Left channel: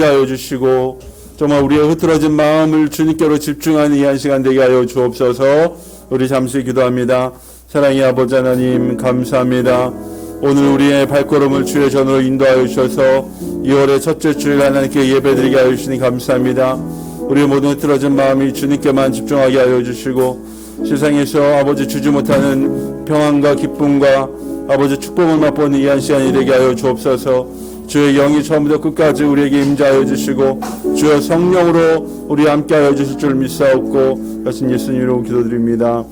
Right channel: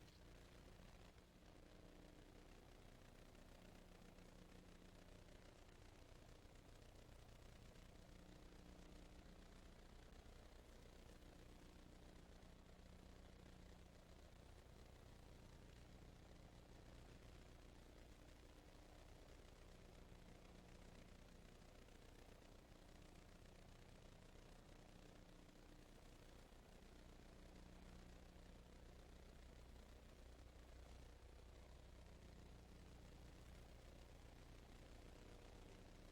하여 주시고 정말 우리의 흐트러진 마음을 주님께로 집중하는 이 한 시간 되게 하여 주옵소서. 우리 잠시 기도합니다. 사랑의 아버지 하나님 감사합니다. 오늘 우리의 발걸음을 주의 전으로 인도하여 주셔서 2월의 첫째 주일 하나님께 예배드리게 하여 주시니 감사합니다. 우리의 모든 흐트러진 마음이 주님께만 집중하게 하여 주시고 세상에서 아버지 주지 못하는 평안과 기쁨과 아버지 축복을 맛보는 이 한 시간이 되게 하여 주옵소서. 주의 영이 처음부터 끝까지 우리에게 임재하여 주시고 주의 성령으로 우리 함께하여 주실 줄 믿사옵고 하신 예수님으로 기도드립니다.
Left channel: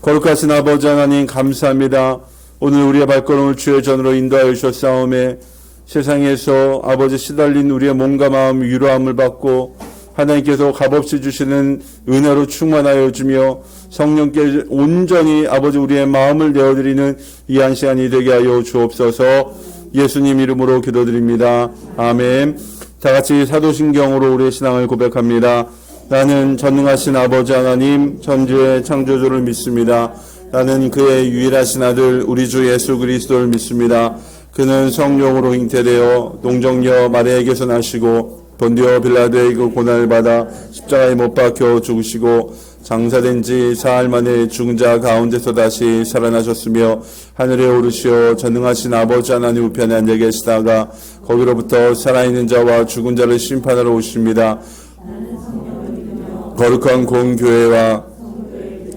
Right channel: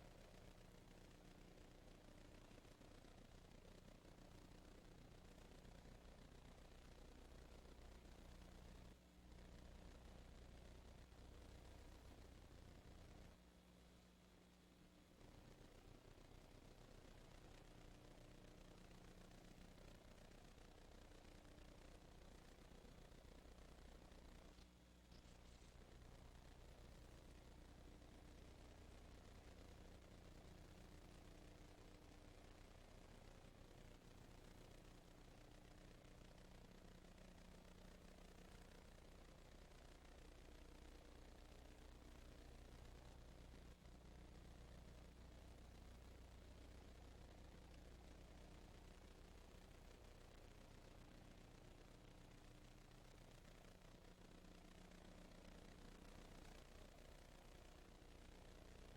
거룩하신 아버지 하나님 감사합니다. 오늘 우리의 발걸음을 주의 전으로 인도하여 주셨사오매 세상에서 아버지 시달린 우리의 몸과 마음 위로함을 받고 하나님께서 값없이 주시는 은혜로 충만하여 주며 성령께 온전히 아버지 우리의 마음을 내어드리는 이 한 시간이 되게 하여 주옵소서. 예수님 이름으로 기도드립니다. 아멘. 다같이 사도신경으로 우리의 신앙을 고백합니다. 나는 전능하신 아버지 하나님 천지의 창조주를 믿습니다. 나는 그의 유일하신 아들 우리 주 예수 그리스도를 믿습니다. 그는 성령으로 잉태되어 동정녀 마리아에게서 나시고 본디오 빌라도의 그 고난을 받아 십자가에 못 박혀 죽으시고 장사된 지 사흘 만에 죽은 자 가운데서 다시 살아나셨으며 하늘에 오르시어 전능하신 아버지 하나님 우편에 앉아 계시다가 거기로부터 살아있는 자와 죽은 자를 심판하러 오십니다. 거룩한 공교회와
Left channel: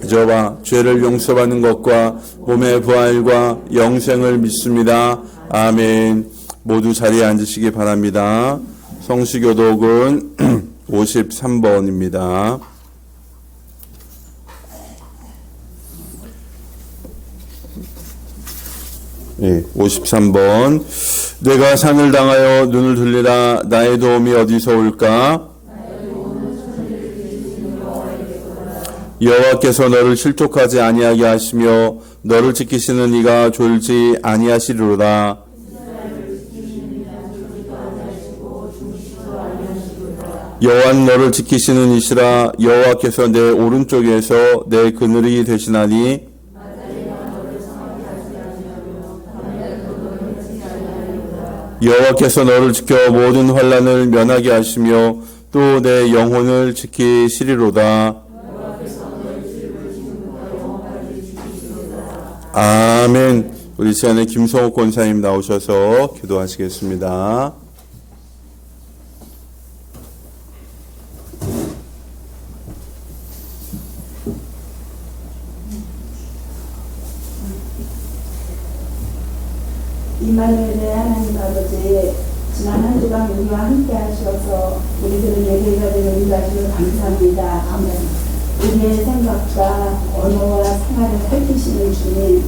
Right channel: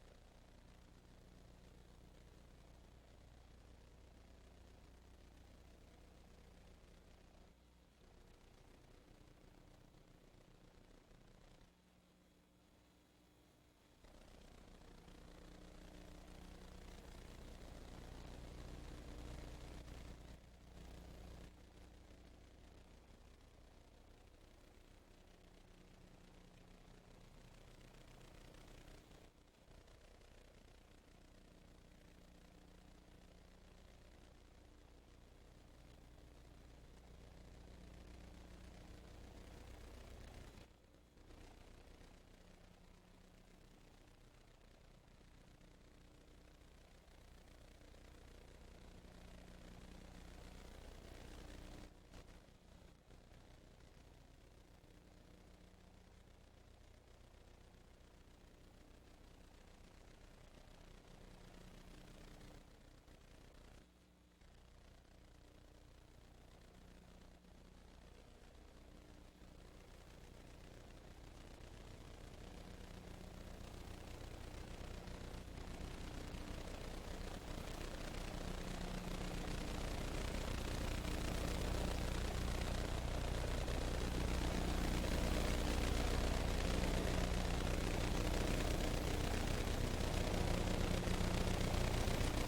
저와 죄를 용서받는 것과 몸의 부활과 영생을 믿습니다. 아멘. 모두 자리에 앉으시기 바랍니다. 성시교독은 53번입니다. 네, 53번. 내가 상을 당하여 눈을 들리라. 나의 도움이 어디서 올까? 여호와께서 너를 실족하지 아니하게 하시며 너를 지키시는 이가 졸지 아니하시리로다. 여호와는 너를 지키시는 이시라. 여호와께서 내 오른쪽에서 내 그늘이 되시나니 여호와께서 너를 지켜 모든 환난을 면하게 하시며 또 내 영혼을 지키시리로다. 아멘. 우리 시간에 김성욱 권사님 나오셔서 기도하시겠습니다. 이마누엘의 하나님 아버지, 지난 한 주간 우리와 함께 하셔서 우리들을 예배가 되는 은혜를 감사합니다. 아멘. 우리의 생각과 언어와 생활을 살피시는 주님,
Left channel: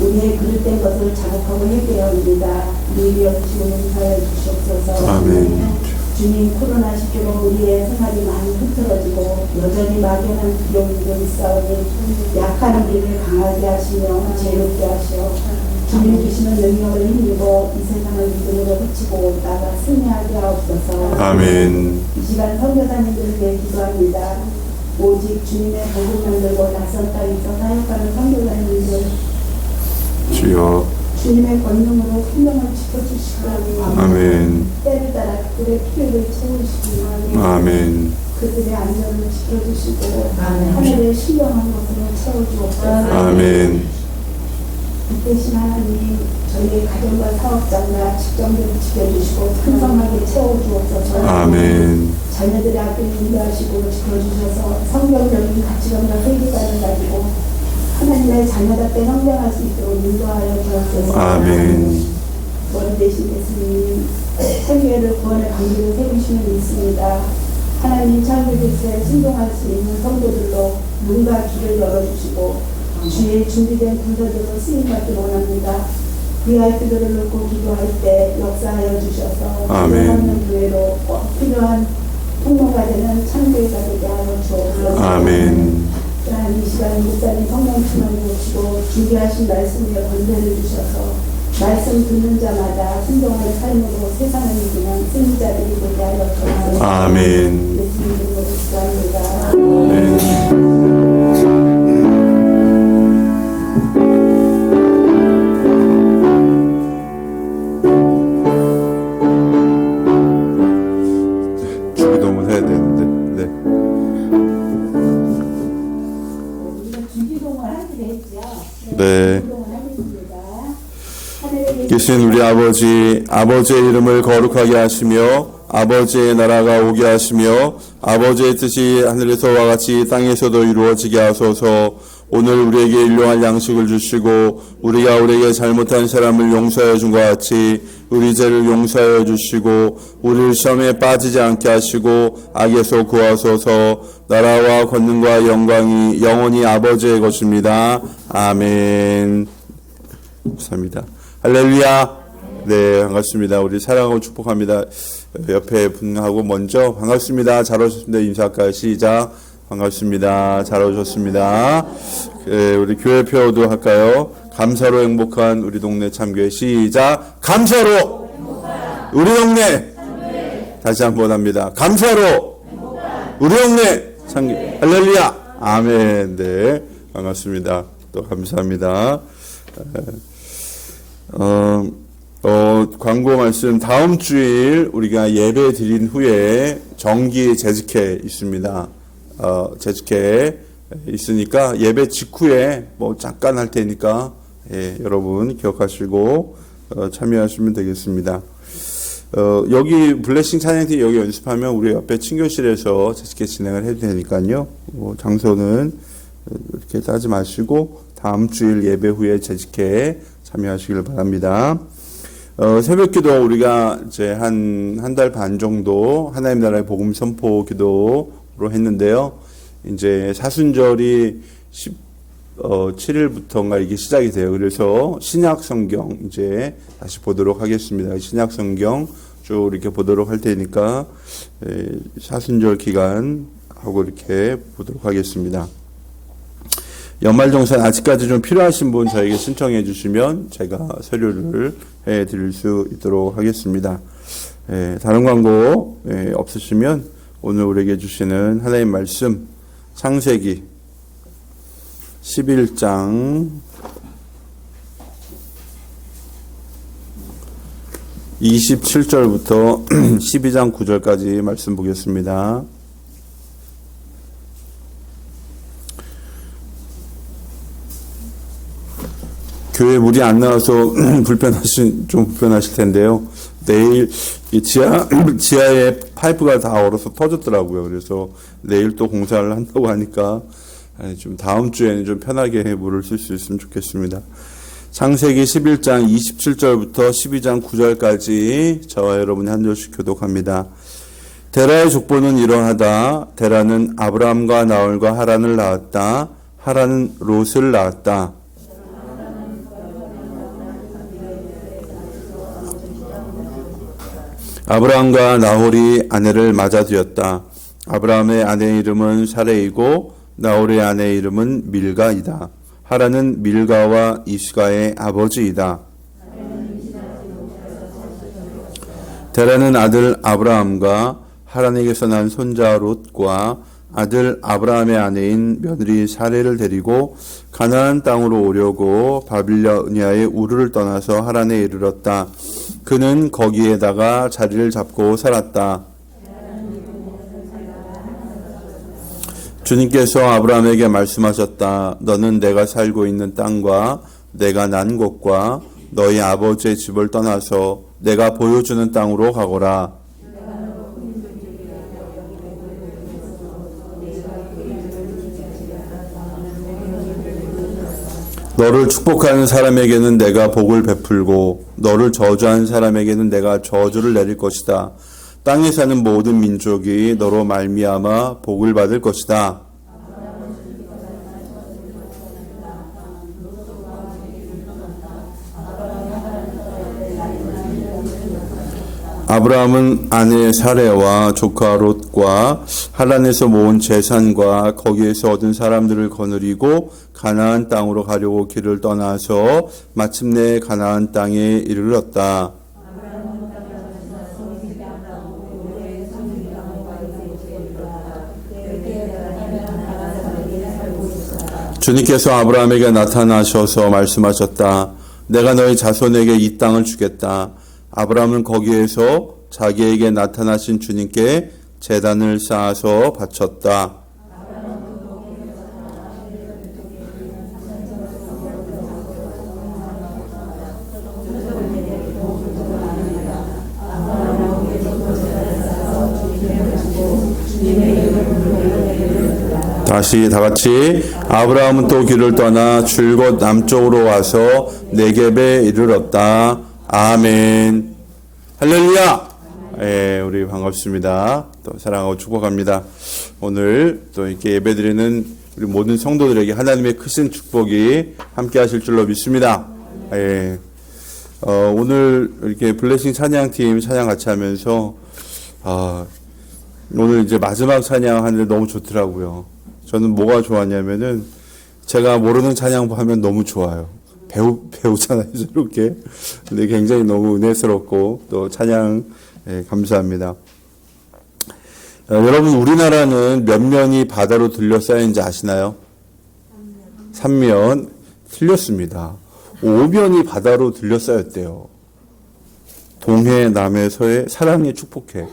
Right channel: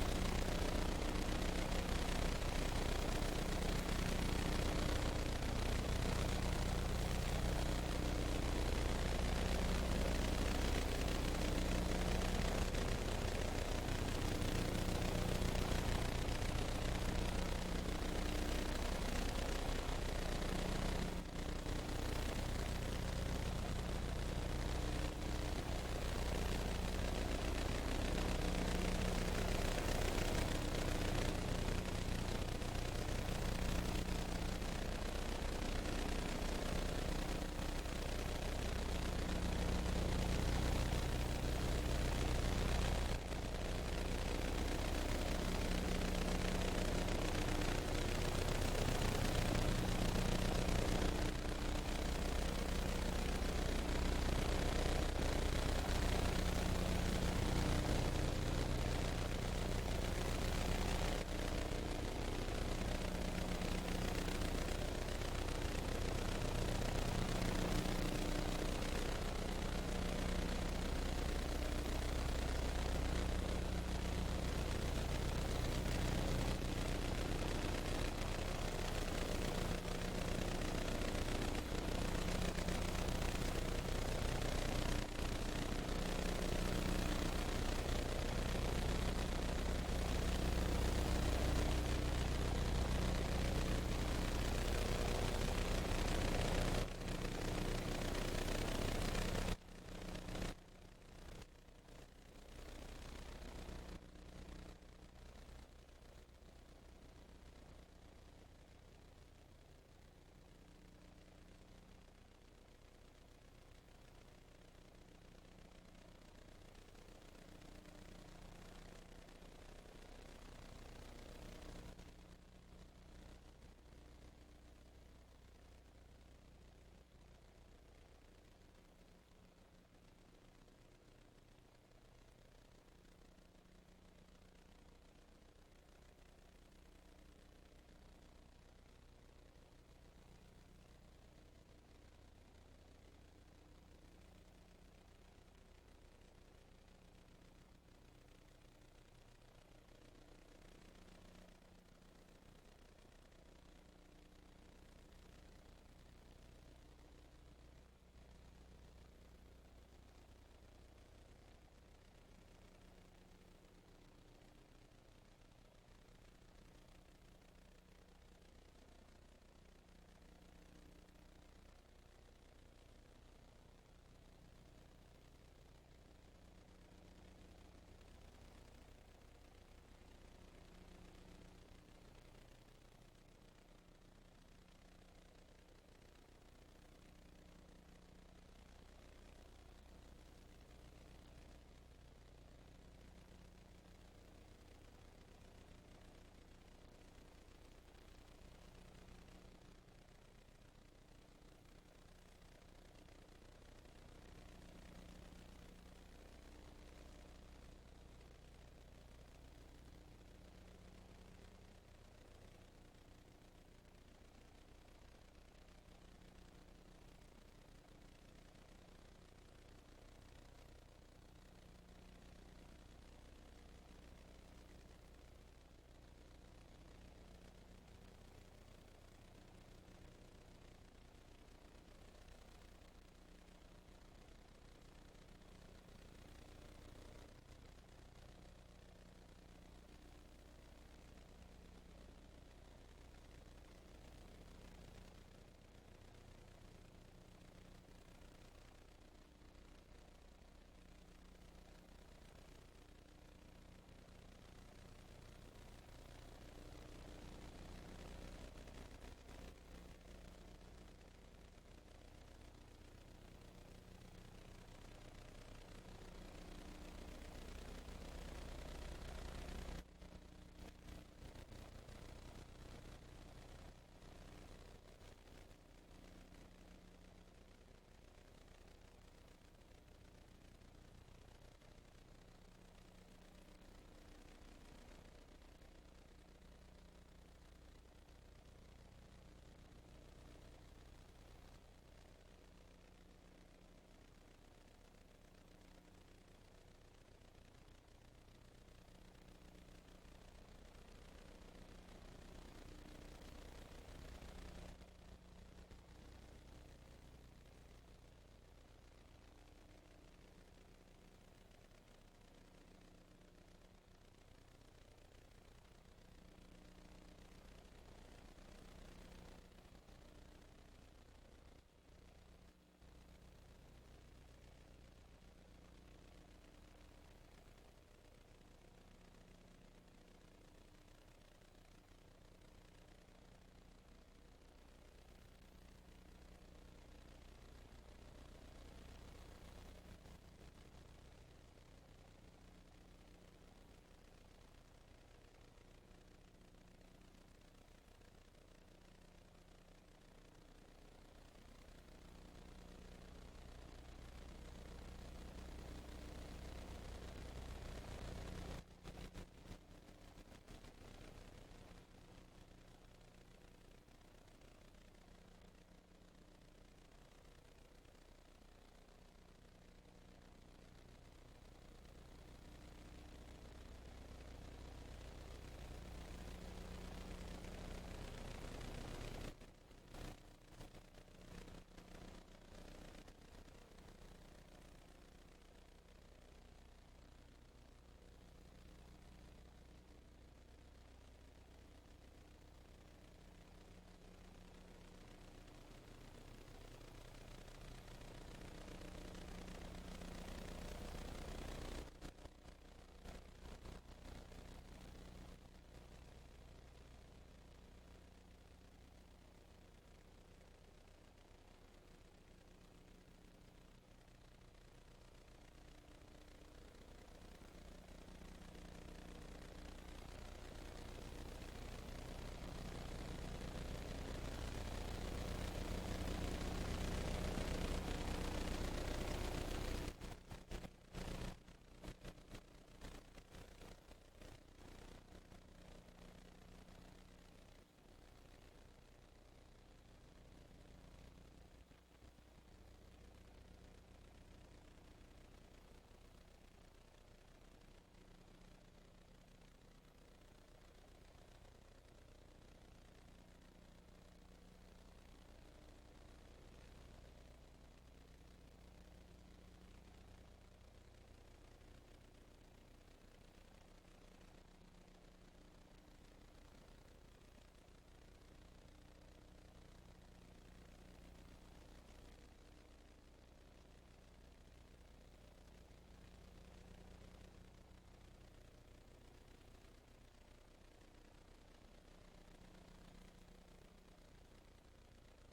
우리의 그릇된 것을 자극하고 회개합니다. 우리 여주시고 용서해 주시옵소서. 아멘. 주님, 코로나 시기로 우리의 생활이 많이 흐트러지고 여전히 막연한 비용들을 있사오니 약한 우리를 강하게 하시며 재롭게 하시어 주님 주시는 능력을 힘입어 이 세상을 믿음으로 펼치고 나가 승리하게 하옵소서. 아멘. 이 시간 선교사님들을 위해 기도합니다. 오직 주님의 복음을 들고 낯선 땅에서 사역하는 선교사님들 주여 주님의 권능으로 생명을 지켜주시고 아멘. 때를 따라 그들의 필요를 채우시고 아멘. 그들의 안전을 지켜주시고 하늘의 신령한 것으로 채워주옵소서. 아멘. 이때신 하나님이 저희의 가정과 사업장과 직장들을 지켜주시고 풍성하게 채워주옵소서. 아멘. 자녀들의 앞을 인도하시고 지켜주셔서 성경적인 가치관과 회개관을 가지고 하나님의 자녀답게 성장할 수 있도록 인도하여 주옵소서. 아멘. 머리 대신 예수님 세계를 구원의 방법을 세우시는 있습니다. 하나님 창조 질서에 순종할 수 있는 성도들로 눈과 귀를 열어주시고 주의 준비된 군대들로 쓰임받기 원합니다. 귀할 기도를 놓고 기도할 때 역사하여 주셔서 필요한 교회로 꼭 필요한 통로가 되는 창조가 되게 하여 주옵소서. 아멘. 이 시간 목사님 성령 충만을 주시고 준비하신 말씀에 권세를 주셔서 말씀 듣는 자마다 순종하는 삶으로 세상을 이기는 승리자들이 되게 하여 주옵소서. 아멘. 예수님 이름으로 기도합니다. 아멘. 되신 우리 아버지, 아버지의 이름을 거룩하게 하시며 아버지의 나라가 오게 하시며 아버지의 뜻이 하늘에서와 같이 땅에서도 이루어지게 하소서. 오늘 우리에게 일용할 양식을 주시고 우리가 우리에게 잘못한 사람을 용서해 준 것 같이 우리 죄를 용서해 주시고 우리를 시험에 빠지지 않게 하시고 악에서 구하소서. 나라와 권능과 영광이 영원히 아버지의 것입니다. 아멘. 감사합니다. 할렐루야. 네, 반갑습니다. 우리 사랑하고 축복합니다. 옆에 분하고 먼저 반갑습니다. 잘 오셨습니다. 인사할까요? 시작. 반갑습니다. 잘 오셨습니다. 우리 교회표도 할까요? 감사로 행복한 우리 동네 참교회. 시작. 감사로 우리 동네. 다시 한번 합니다. 감사로 우리 동네 참교회. 할렐루야. 아멘. 네, 반갑습니다. 또 감사합니다. 광고 말씀. 다음 주일 우리가 예배 드린 후에 정기 재직회 있습니다. 재직회 있으니까 예배 직후에 뭐 잠깐 할 테니까 여러분 기억하시고 참여하시면 되겠습니다. 여기 블레싱 찬양팀 여기 연습하면 우리 옆에 친교실에서 재직회 진행을 해도 되니까요. 장소는 이렇게 따지 마시고 다음 주일 예배 후에 재직회 참여하시길 바랍니다. 새벽기도 우리가 이제 한 달 반 정도 하나님 나라의 복음 선포 기도로 했는데요. 이제 사순절이 17일부터인가 이게 시작이 돼요. 그래서 신약 성경 이제 다시 보도록 하겠습니다. 신약 성경 쭉 이렇게 보도록 할 테니까 사순절 기간 하고 이렇게 보도록 하겠습니다. 연말정산 아직까지 좀 필요하신 분 저에게 신청해 주시면 제가 서류를 해 드릴 수 있도록 하겠습니다. 다른 광고 없으시면 오늘 우리에게 주시는 하나님 말씀 창세기 11장 27절부터 12장 9절까지 말씀 보겠습니다. 교회 물이 안 나와서 좀 불편하실 텐데요. 내일 이 지하에 파이프가 다 얼어서 터졌더라고요. 그래서 내일 또 공사를 한다고 하니까 좀 다음 주에는 좀 편하게 물을 쓸 수 있으면 좋겠습니다. 창세기 11장 27절부터 12장 9절까지 저와 여러분이 한 절씩 교독합니다. 데라의 족보는 이러하다. 데라는 아브라함과 나홀과 하란을 낳았다. 하란은 롯을 낳았다. 아브라함과 나홀이 아내를 맞아들였다. 아브라함의 아내의 이름은 사레이고 나홀의 아내의 이름은 밀가이다. 하란은 밀가와 이스가의 아버지이다. 데라는 아들 아브라함과 하란에게서 난 손자 롯과 아들 아브라함의 아내인 며느리 사레를 데리고 가나안 땅으로 오려고 바빌로니아의 우르를 떠나서 하란에 이르렀다. 그는 거기에다가 자리를 잡고 살았다. 주님께서 아브라함에게 말씀하셨다. 너는 내가 살고 있는 땅과 내가 난 곳과 너희 아버지의 집을 떠나서 내가 보여주는 땅으로 가거라. 너를 축복하는 사람에게는 내가 복을 베풀고 너를 저주하는 사람에게는 내가 저주를 내릴 것이다. 땅에 사는 모든 민족이 너로 말미암아 복을 받을 것이다. 아브라함은 아내 사레와 조카 롯과 하란에서 모은 재산과 거기에서 얻은 사람들을 거느리고 가나안 땅으로 가려고 길을 떠나서 마침내 가나안 땅에 이르렀다. 주님께서 아브라함에게 나타나셔서 말씀하셨다. 내가 너희 자손에게 이 땅을 주겠다. 아브라함은 거기에서 자기에게 나타나신 주님께 제단을 쌓아서 바쳤다. 다시 다 같이 아브라함은 또 길을 떠나 줄곧 남쪽으로 와서 네겝에 이르렀다. 아멘. 할렐루야. 예, 우리 반갑습니다. 또 사랑하고 축복합니다. 오늘 또 이렇게 예배드리는 우리 모든 성도들에게 하나님의 크신 축복이 함께 하실 줄로 믿습니다. 예. 오늘 이렇게 블레싱 찬양팀 찬양 같이 하면서 오늘 이제 마지막 찬양 하는데 너무 좋더라고요. 저는 뭐가 좋았냐면은 제가 모르는 찬양 하면 너무 좋아요. 배우잖아요, 이렇게. 근데 굉장히 너무 은혜스럽고 또 찬양 감사합니다. 여러분, 우리나라는 몇 면이 바다로 둘러싸인지 아시나요? 3면. 틀렸습니다. 5면이 바다로 둘러싸였대요. 동해, 남해, 서해, 사랑에 축복해.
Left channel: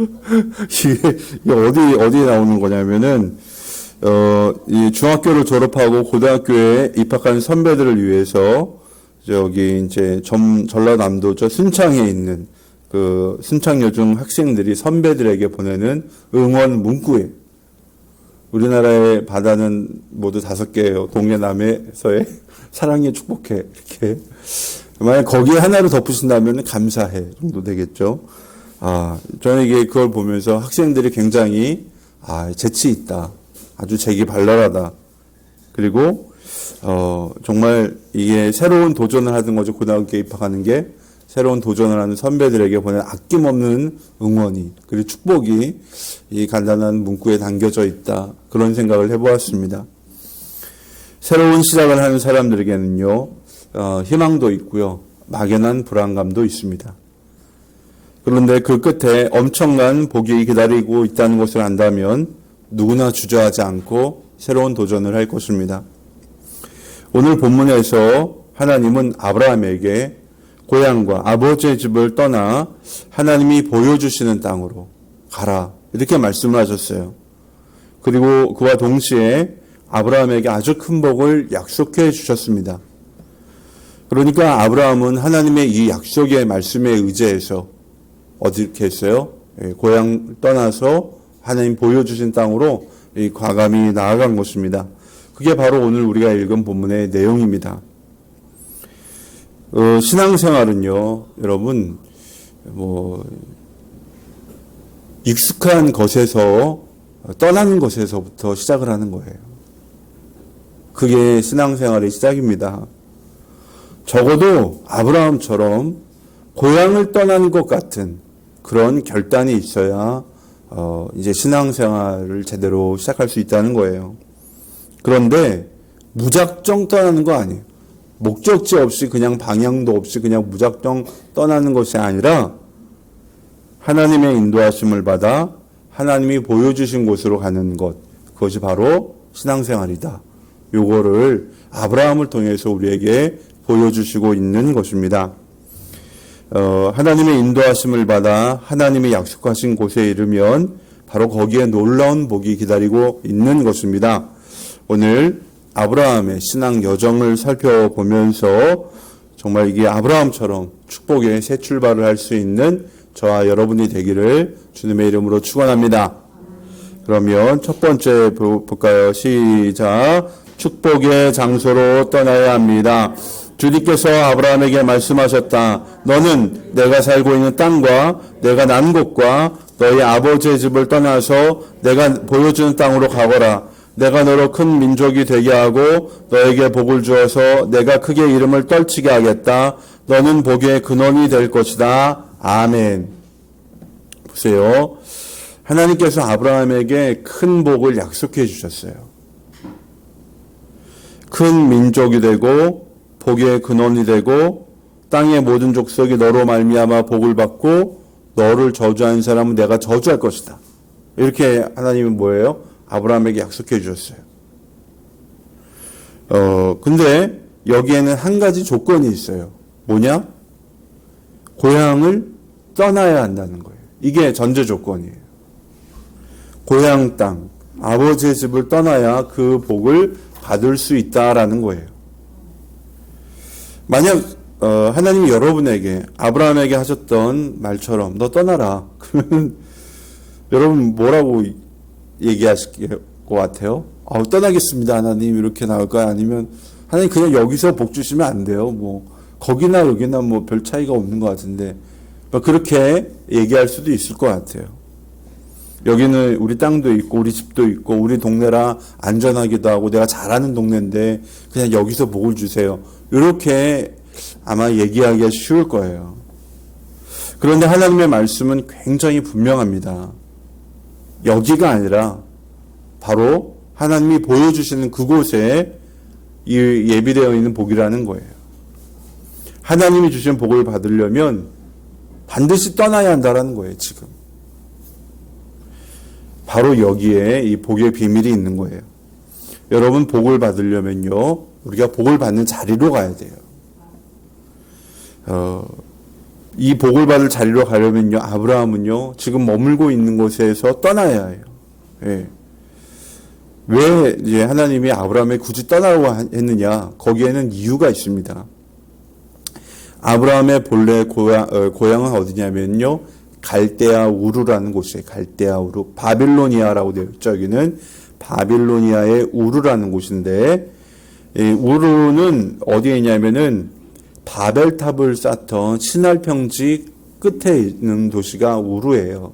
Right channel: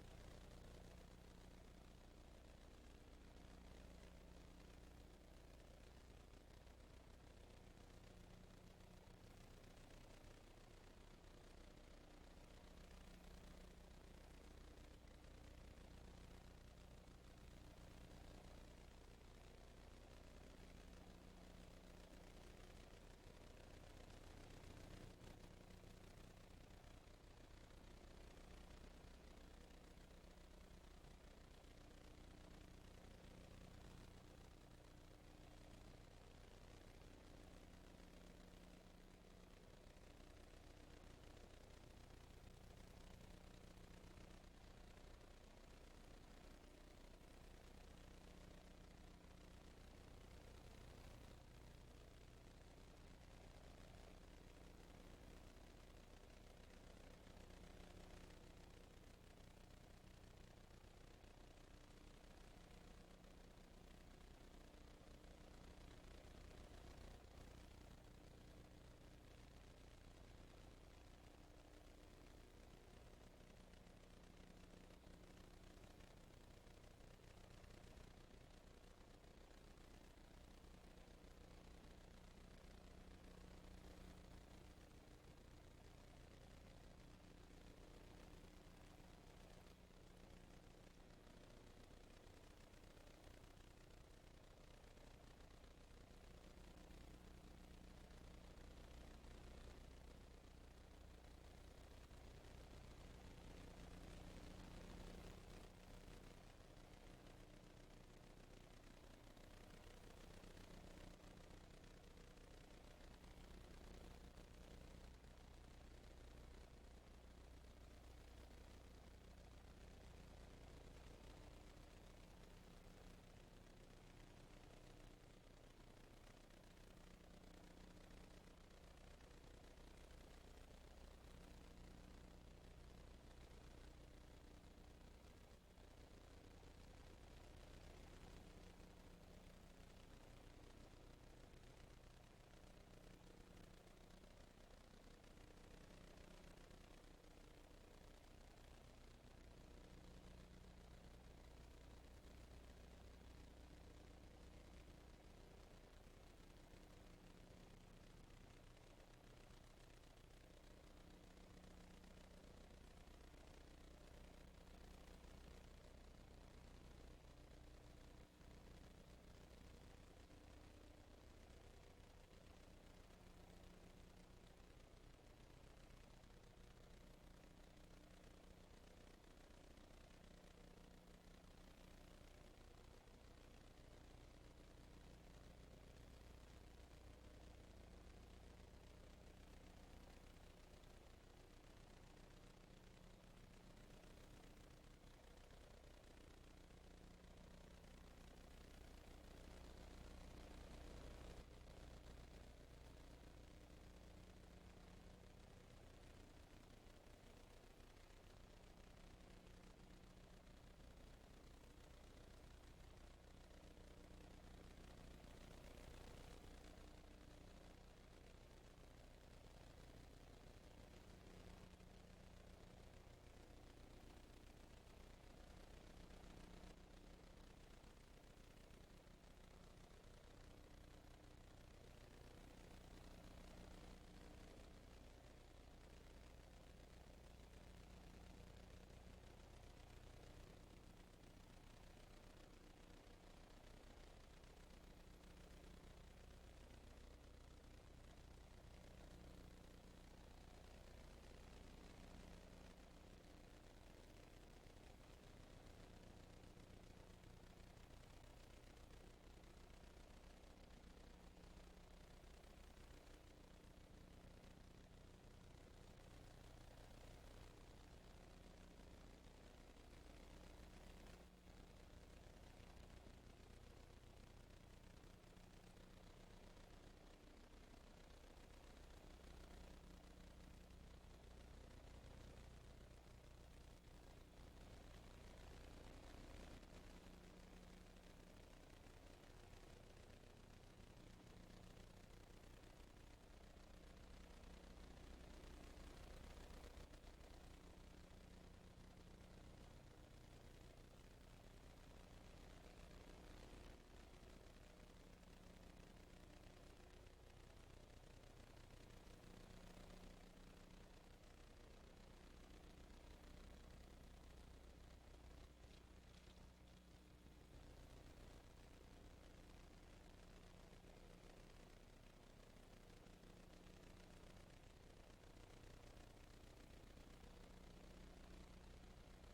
이게 어디에 나오는 거냐면은, 이 중학교를 졸업하고 고등학교에 입학한 선배들을 위해서, 저기, 이제, 전라남도 저 순창에 있는 그 순창여중 학생들이 선배들에게 보내는 응원 문구에, 우리나라의 바다는 모두 5개예요. 동해, 남해, 서해. 사랑에 축복해. 이렇게. 만약 거기에 하나를 덧붙인다면 감사해 정도 되겠죠. 저는 이게 그걸 보면서 학생들이 굉장히, 재치 있다. 아주 재기 발랄하다. 그리고, 정말 이게 새로운 도전을 하는 거죠. 고등학교에 입학하는 게. 새로운 도전을 하는 선배들에게 보낸 아낌없는 응원이, 그리고 축복이 이 간단한 문구에 담겨져 있다. 그런 생각을 해보았습니다. 새로운 시작을 하는 사람들에게는요, 희망도 있고요, 막연한 불안감도 있습니다. 그런데 그 끝에 엄청난 복이 기다리고 있다는 것을 안다면 누구나 주저하지 않고 새로운 도전을 할 것입니다. 오늘 본문에서 하나님은 아브라함에게 고향과 아버지의 집을 떠나 하나님이 보여주시는 땅으로 가라, 이렇게 말씀을 하셨어요. 그리고 그와 동시에 아브라함에게 아주 큰 복을 약속해 주셨습니다. 그러니까 아브라함은 하나님의 이 약속의 말씀에 의지해서 어떻게 했어요? 고향 떠나서 하나님 보여주신 땅으로 과감히 나아간 것입니다. 그게 바로 오늘 우리가 읽은 본문의 내용입니다. 신앙생활은요, 여러분, 익숙한 것에서 떠나는 것에서부터 시작을 하는 거예요. 그게 신앙생활의 시작입니다. 적어도 아브라함처럼 고향을 떠나는 것 같은 그런 결단이 있어야 이제 신앙생활을 제대로 시작할 수 있다는 거예요. 그런데 무작정 떠나는 거 아니에요. 목적지 없이 그냥 방향도 없이 그냥 무작정 떠나는 것이 아니라 하나님의 인도하심을 받아 하나님이 보여주신 곳으로 가는 것, 그것이 바로 신앙생활이다. 요거를 아브라함을 통해서 우리에게 보여주시고 있는 것입니다. 하나님의 인도하심을 받아 하나님이 약속하신 곳에 이르면 바로 거기에 놀라운 복이 기다리고 있는 것입니다. 오늘 아브라함의 신앙 여정을 살펴보면서 정말 이게 아브라함처럼 축복의 새 출발을 할 수 있는 저와 여러분이 되기를 주님의 이름으로 축원합니다. 그러면 첫 번째 볼까요? 시작. 축복의 장소로 떠나야 합니다. 주님께서 아브라함에게 말씀하셨다. 너는 내가 살고 있는 땅과 내가 난 곳과 너희 아버지의 집을 떠나서 내가 보여주는 땅으로 가거라. 내가 너로 큰 민족이 되게 하고 너에게 복을 주어서 내가 크게 이름을 떨치게 하겠다. 너는 복의 근원이 될 것이다. 아멘. 보세요. 하나님께서 아브라함에게 큰 복을 약속해 주셨어요. 큰 민족이 되고 복의 근원이 되고 땅의 모든 족속이 너로 말미암아 복을 받고 너를 저주하는 사람은 내가 저주할 것이다. 이렇게 하나님은 뭐예요? 아브라함에게 약속해 주셨어요. 근데 여기에는 한 가지 조건이 있어요. 뭐냐? 고향을 떠나야 한다는 거예요. 이게 전제 조건이에요. 고향 땅, 아버지의 집을 떠나야 그 복을 받을 수 있다라는 거예요. 만약 하나님이 여러분에게 아브라함에게 하셨던 말처럼 너 떠나라. 그러면 여러분 뭐라고 얘기하실게요? 것 같아요? 떠나겠습니다, 하나님. 이렇게 나올까요? 아니면, 하나님 그냥 여기서 복 주시면 안 돼요. 뭐, 거기나 여기나 뭐 별 차이가 없는 것 같은데, 그렇게 얘기할 수도 있을 것 같아요. 여기는 우리 땅도 있고, 우리 집도 있고, 우리 동네라 안전하기도 하고, 내가 잘하는 동네인데, 그냥 여기서 복을 주세요. 이렇게 아마 얘기하기가 쉬울 거예요. 그런데 하나님의 말씀은 굉장히 분명합니다. 여기가 아니라 바로 하나님이 보여주시는 그곳에 이 예비되어 있는 복이라는 거예요. 하나님이 주신 복을 받으려면 반드시 떠나야 한다는 거예요, 지금. 바로 여기에 이 복의 비밀이 있는 거예요. 여러분, 복을 받으려면요, 우리가 복을 받는 자리로 가야 돼요. 이 복을 받을 자리로 가려면요, 아브라함은요, 지금 머물고 있는 곳에서 떠나야 해요. 예. 왜 이제 하나님이 아브라함에 굳이 떠나라고 했느냐? 거기에는 이유가 있습니다. 아브라함의 본래 고향은 어디냐면요, 갈대아 우르라는 곳이에요. 갈대아 우르, 바빌로니아라고 되어 있죠. 여기는 바빌로니아의 우르라는 곳인데, 우르는 어디에 있냐면은 바벨탑을 쌓던 신할 평지 끝에 있는 도시가 우르예요.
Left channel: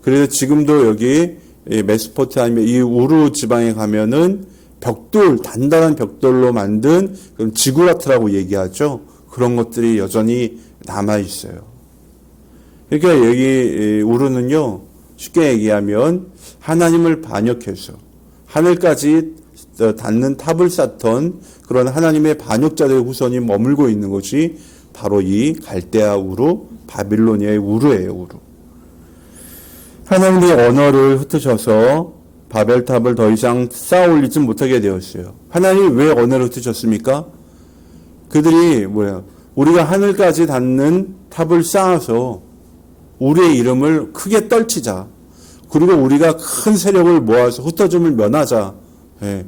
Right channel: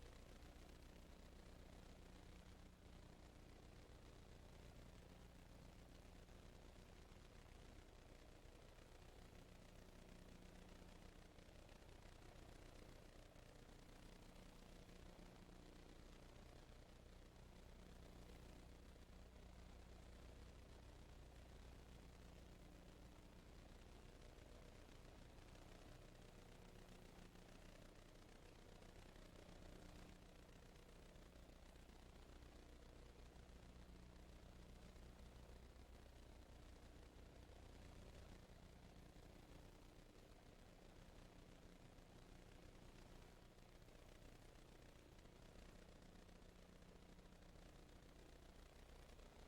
그래서 지금도 여기 메소포타미아 이 우르 지방에 가면은 벽돌, 단단한 벽돌로 만든 그런 지구라트라고 얘기하죠. 그런 것들이 여전히 남아 있어요. 그러니까 여기 우르는요, 쉽게 얘기하면 하나님을 반역해서 하늘까지 닿는 탑을 쌓던 그런 하나님의 반역자들의 후손이 머물고 있는 것이 바로 이 갈대아 우르, 바빌로니아의 우르예요. 우르. 하나님의 언어를 흩으셔서 바벨탑을 더 이상 쌓아 올리지 못하게 되었어요. 하나님이 왜 언어를 흩으셨습니까? 그들이 우리가 하늘까지 닿는 탑을 쌓아서 우리의 이름을 크게 떨치자. 그리고 우리가 큰 세력을 모아서 흩어짐을 면하자. 예.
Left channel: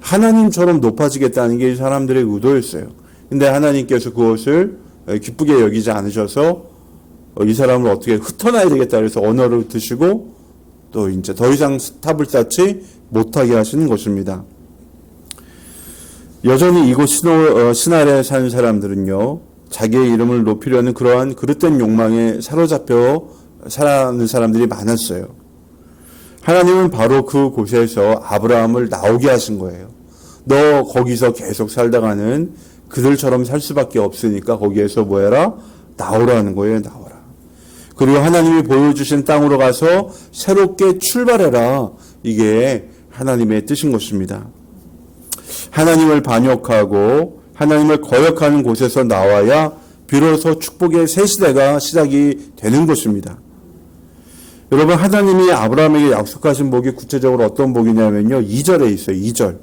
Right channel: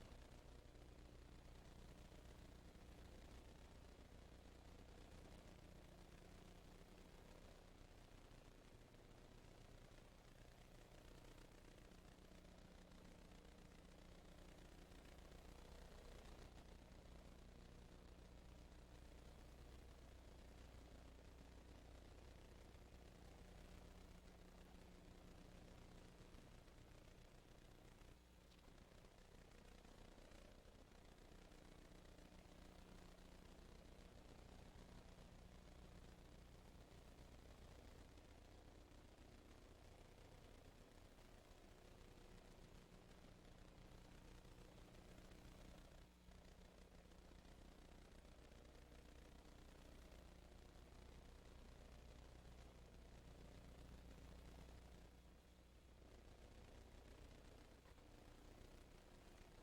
하나님처럼 높아지겠다는 게 사람들의 의도였어요. 근데 하나님께서 그것을 기쁘게 여기지 않으셔서 이 사람을 어떻게 흩어놔야 되겠다 그래서 언어를 흩으시고 또 이제 더 이상 탑을 쌓지 못하게 하시는 것입니다. 여전히 이곳 신할에 사는 사람들은요, 자기의 이름을 높이려는 그러한 그릇된 욕망에 사로잡혀 살아가는 사람들이 많았어요. 하나님은 바로 그 곳에서 아브라함을 나오게 하신 거예요. 너 거기서 계속 살다가는 그들처럼 살 수밖에 없으니까 거기에서 뭐 해라? 나오라는 거예요. 나오라. 그리고 하나님이 보여주신 땅으로 가서 새롭게 출발해라. 이게 하나님의 뜻인 것입니다. 하나님을 반역하고 하나님을 거역하는 곳에서 나와야 비로소 축복의 새 시대가 시작이 되는 것입니다. 여러분, 하나님이 아브라함에게 약속하신 복이 구체적으로 어떤 복이냐면요, 2절에 있어요. 2절.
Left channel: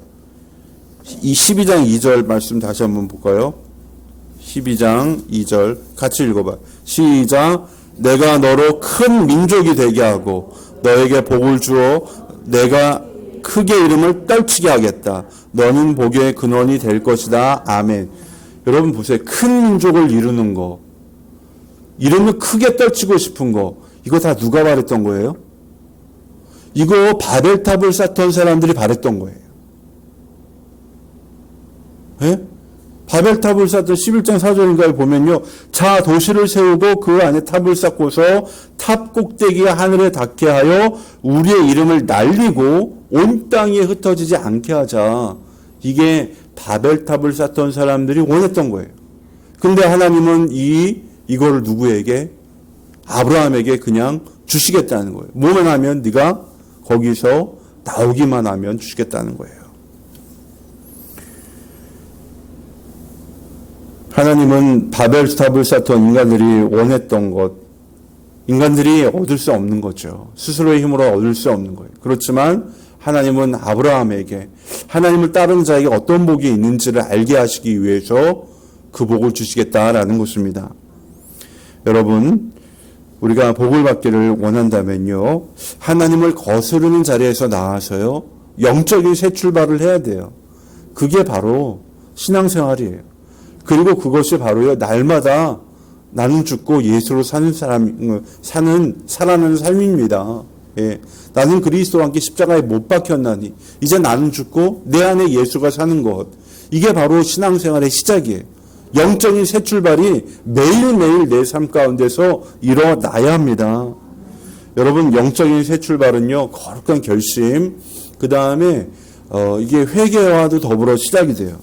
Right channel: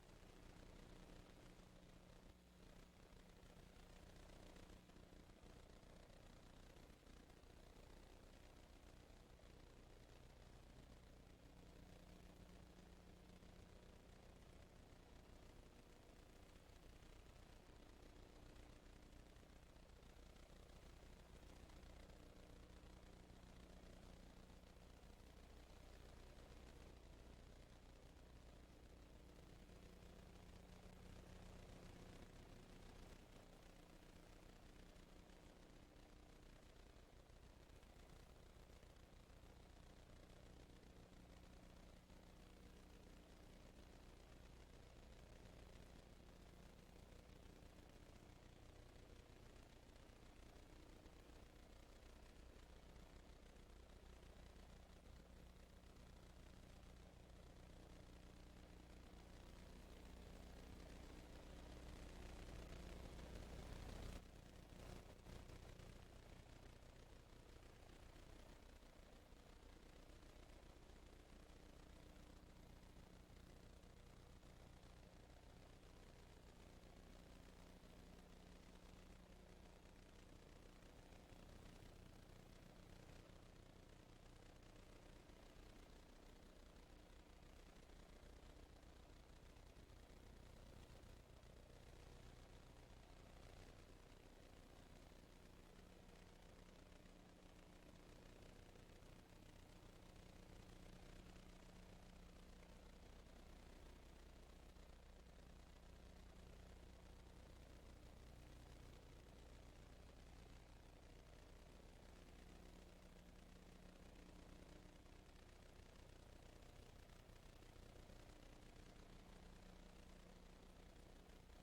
이 12장 2절 말씀 다시 한번 볼까요? 12장 2절 같이 읽어봐요. 시작. 내가 너로 큰 민족이 되게 하고 너에게 복을 주어 내가 크게 이름을 떨치게 하겠다. 너는 복의 근원이 될 것이다. 아멘. 여러분 보세요. 큰 민족을 이루는 거, 이름을 크게 떨치고 싶은 거, 이거 다 누가 바랬던 거예요? 이거 바벨탑을 쌓던 사람들이 바랬던 거예요. 예? 바벨탑을 쌓던 11장 4절인가에 보면요, 자 도시를 세우고 그 안에 탑을 쌓고서 탑 꼭대기가 하늘에 닿게 하여 우리의 이름을 날리고 온 땅에 흩어지지 않게 하자. 이게 바벨탑을 쌓던 사람들이 원했던 거예요. 근데 하나님은 이거를 누구에게? 아브라함에게 그냥 주시겠다는 거예요. 뭐만 하면 네가 거기서 나오기만 하면 주시겠다는 거예요. 하나님은 바벨탑을 쌓던 인간들이 원했던 것, 인간들이 얻을 수 없는 거죠. 스스로의 힘으로 얻을 수 없는 거예요. 그렇지만 하나님은 아브라함에게, 하나님을 따르는 자에게 어떤 복이 있는지를 알게 하시기 위해서 그 복을 주시겠다라는 것입니다. 여러분, 우리가 복을 받기를 원한다면요, 하나님을 거스르는 자리에서 나와서요, 영적인 새 출발을 해야 돼요. 그게 바로 신앙생활이에요. 그리고 그것이 바로요, 날마다 나는 죽고 예수로 살아나는 삶입니다. 예, 나는 그리스도와 함께 십자가에 못 박혔나니 이제 나는 죽고 내 안에 예수가 사는 것. 이게 바로 신앙생활의 시작이에요. 영적인 새 출발이 매일매일 내 삶 가운데서 일어나야 합니다. 여러분, 영적인 새 출발은요, 거룩한 결심, 그 다음에 이게 회개와도 더불어 시작이 돼요.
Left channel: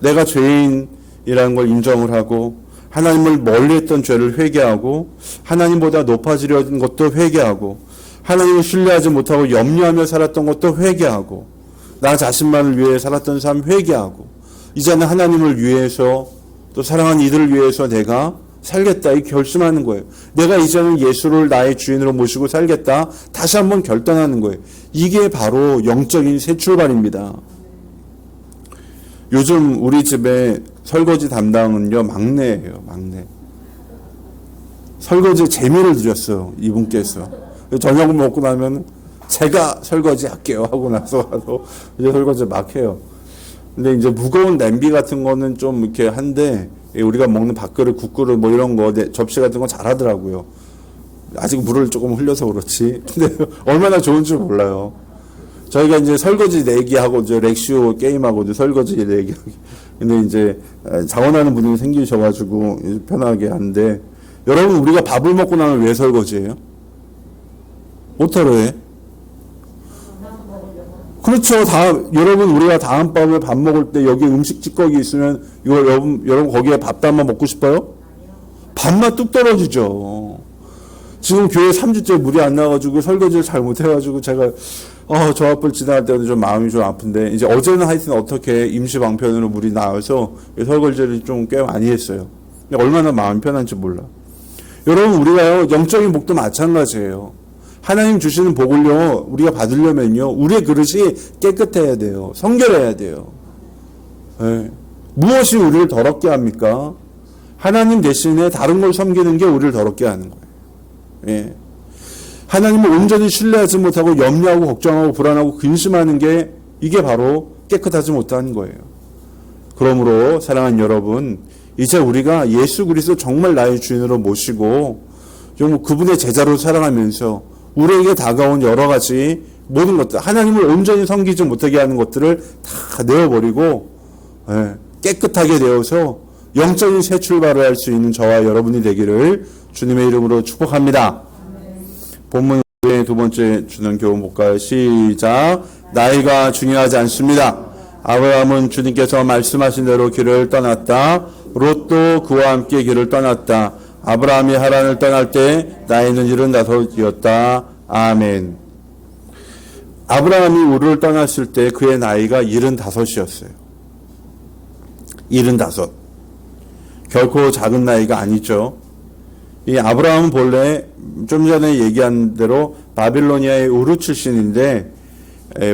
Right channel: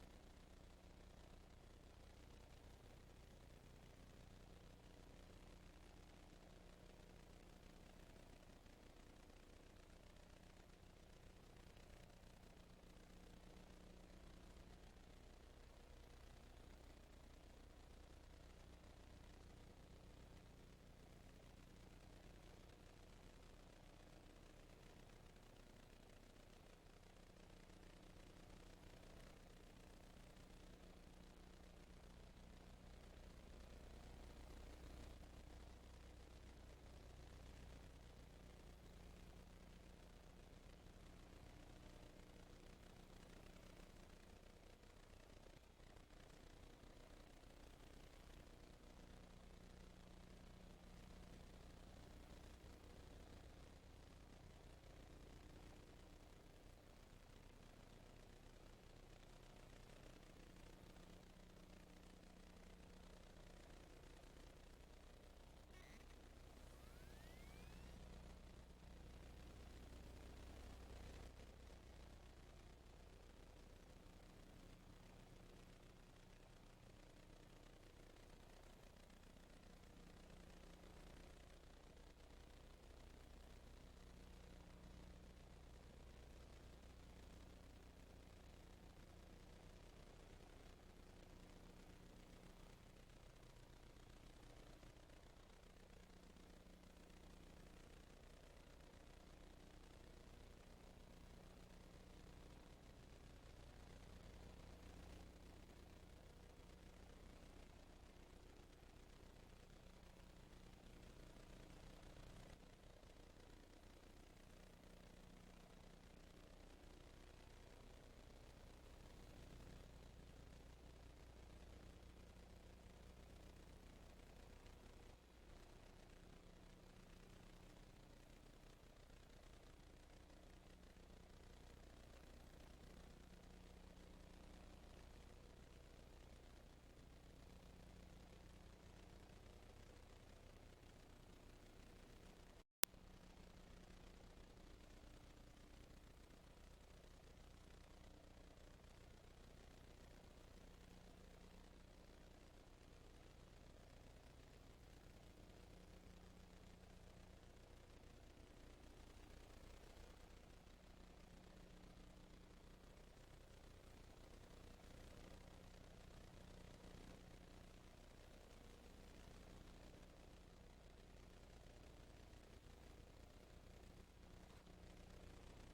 내가 죄인이라는 걸 인정을 하고 하나님을 멀리했던 죄를 회개하고 하나님보다 높아지려는 것도 회개하고 하나님을 신뢰하지 못하고 염려하며 살았던 것도 회개하고 나 자신만을 위해 살았던 삶 회개하고 이제는 하나님을 위해서 또 사랑하는 이들을 위해서 내가 살겠다 이 결심하는 거예요. 내가 이제는 예수를 나의 주인으로 모시고 살겠다 다시 한번 결단하는 거예요. 이게 바로 영적인 새 출발입니다. 요즘 우리 집에 설거지 담당은요 막내예요. 막내. 설거지 재미를 들였어요. 이분께서. 저녁을 먹고 나면 제가 설거지 할게요 하고 나서 이제 설거지 막 해요. 근데 이제 무거운 냄비 같은 거는 좀 이렇게 한데 우리가 먹는 밥그릇, 국그릇 뭐 이런 거 접시 같은 거 잘하더라고요. 아직 물을 조금 흘려서 그렇지. 근데 얼마나 좋은지 몰라요. 저희가 이제 설거지 내기하고 이제 렉시오 게임하고 이제 설거지 내기. 근데 이제 자원하는 분이 생기셔가지고 편하게 하는데 여러분 우리가 밥을 먹고 나면 왜 설거지해요? 뭐하러 해? 그렇죠. 여러분 우리가 다음번에 밥 먹을 때 여기 음식 찌꺼기 있으면 이거 여러분 거기에 밥담아 먹고 싶어요? 밥맛 뚝 떨어지죠. 지금 교회 3주째 물이 안 나와가지고 설거지를 잘 못해가지고 제가 저 앞을 지나갈 때도 좀 마음이 좀 아픈데 이제 어제는 하여튼 어떻게 임시 방편으로 물이 나와서 설거지를 좀 꽤 많이 했어요. 얼마나 마음이 편한지 몰라. 여러분 우리가요 영적인 복도 마찬가지예요. 하나님 주시는 복을요 우리가 받으려면요 우리의 그릇이 깨끗해야 돼요. 성결해야 돼요. 네. 무엇이 우리를 더럽게 합니까? 하나님 대신에 다른 걸 섬기는 게 우리를 더럽게 하는 거예요. 예. 하나님을 온전히 신뢰하지 못하고 염려하고 걱정하고 불안하고 근심하는 게 이게 바로 깨끗하지 못하는 거예요. 그러므로 사랑하는 여러분 이제 우리가 예수 그리스도 정말 나의 주인으로 모시고 좀 그분의 제자로 살아가면서 우리에게 다가온 여러 가지 모든 것들 하나님을 온전히 섬기지 못하게 하는 것들을 다 내어버리고 깨끗하게 되어서 영적인 새 출발을 할 수 있는 저와 여러분이 되기를 주님의 이름으로 축복합니다. 본문의 두 번째 주는 교훈 볼까요? 시작. 나이가 중요하지 않습니다. 아브라함은 주님께서 말씀하신 대로 길을 떠났다. 롯도 그와 함께 길을 떠났다. 아브라함이 하란을 떠날 때 나이는 75이었다. 아멘. 아브라함이 우르를 떠났을 때 그의 나이가 75이었어요. 75. 결코 작은 나이가 아니죠. 이 아브라함은 본래 좀 전에 얘기한 대로 바빌로니아의 우르 출신인데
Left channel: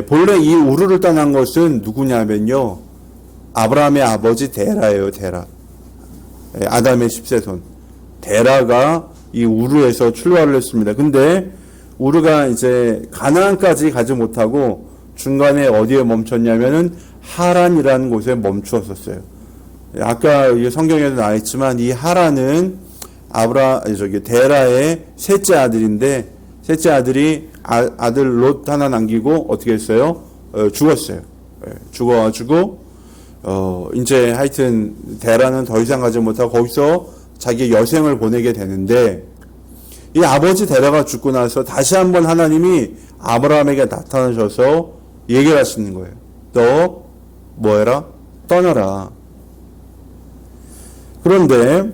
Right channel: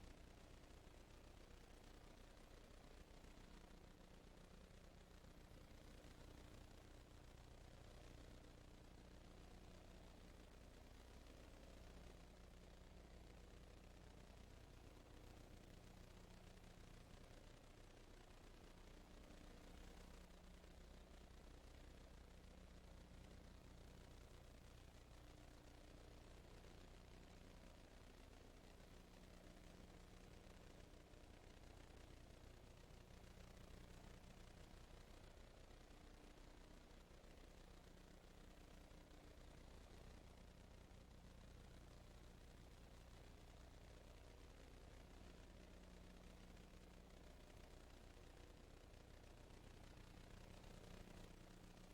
본래 이 우르를 떠난 것은 누구냐면요. 아브라함의 아버지 데라예요. 데라. 아담의 10세손. 데라가 이 우르에서 출발을 했습니다. 근데 우르가 이제 가나안까지 가지 못하고 중간에 어디에 멈췄냐면은 하란이라는 곳에 멈추었었어요. 아까 성경에도 나와 있지만 이 하란은 데라의 셋째 아들인데 셋째 아들이 아들 롯 하나 남기고 어떻게 했어요? 죽었어요. 죽어가지고 이제 하여튼 데라는 더 이상 가지 못하고 거기서 자기 여생을 보내게 되는데 이 아버지 데라가 죽고 나서 다시 한번 하나님이 아브라함에게 나타나셔서 얘기를 하시는 거예요. 너 뭐해라? 떠나라. 그런데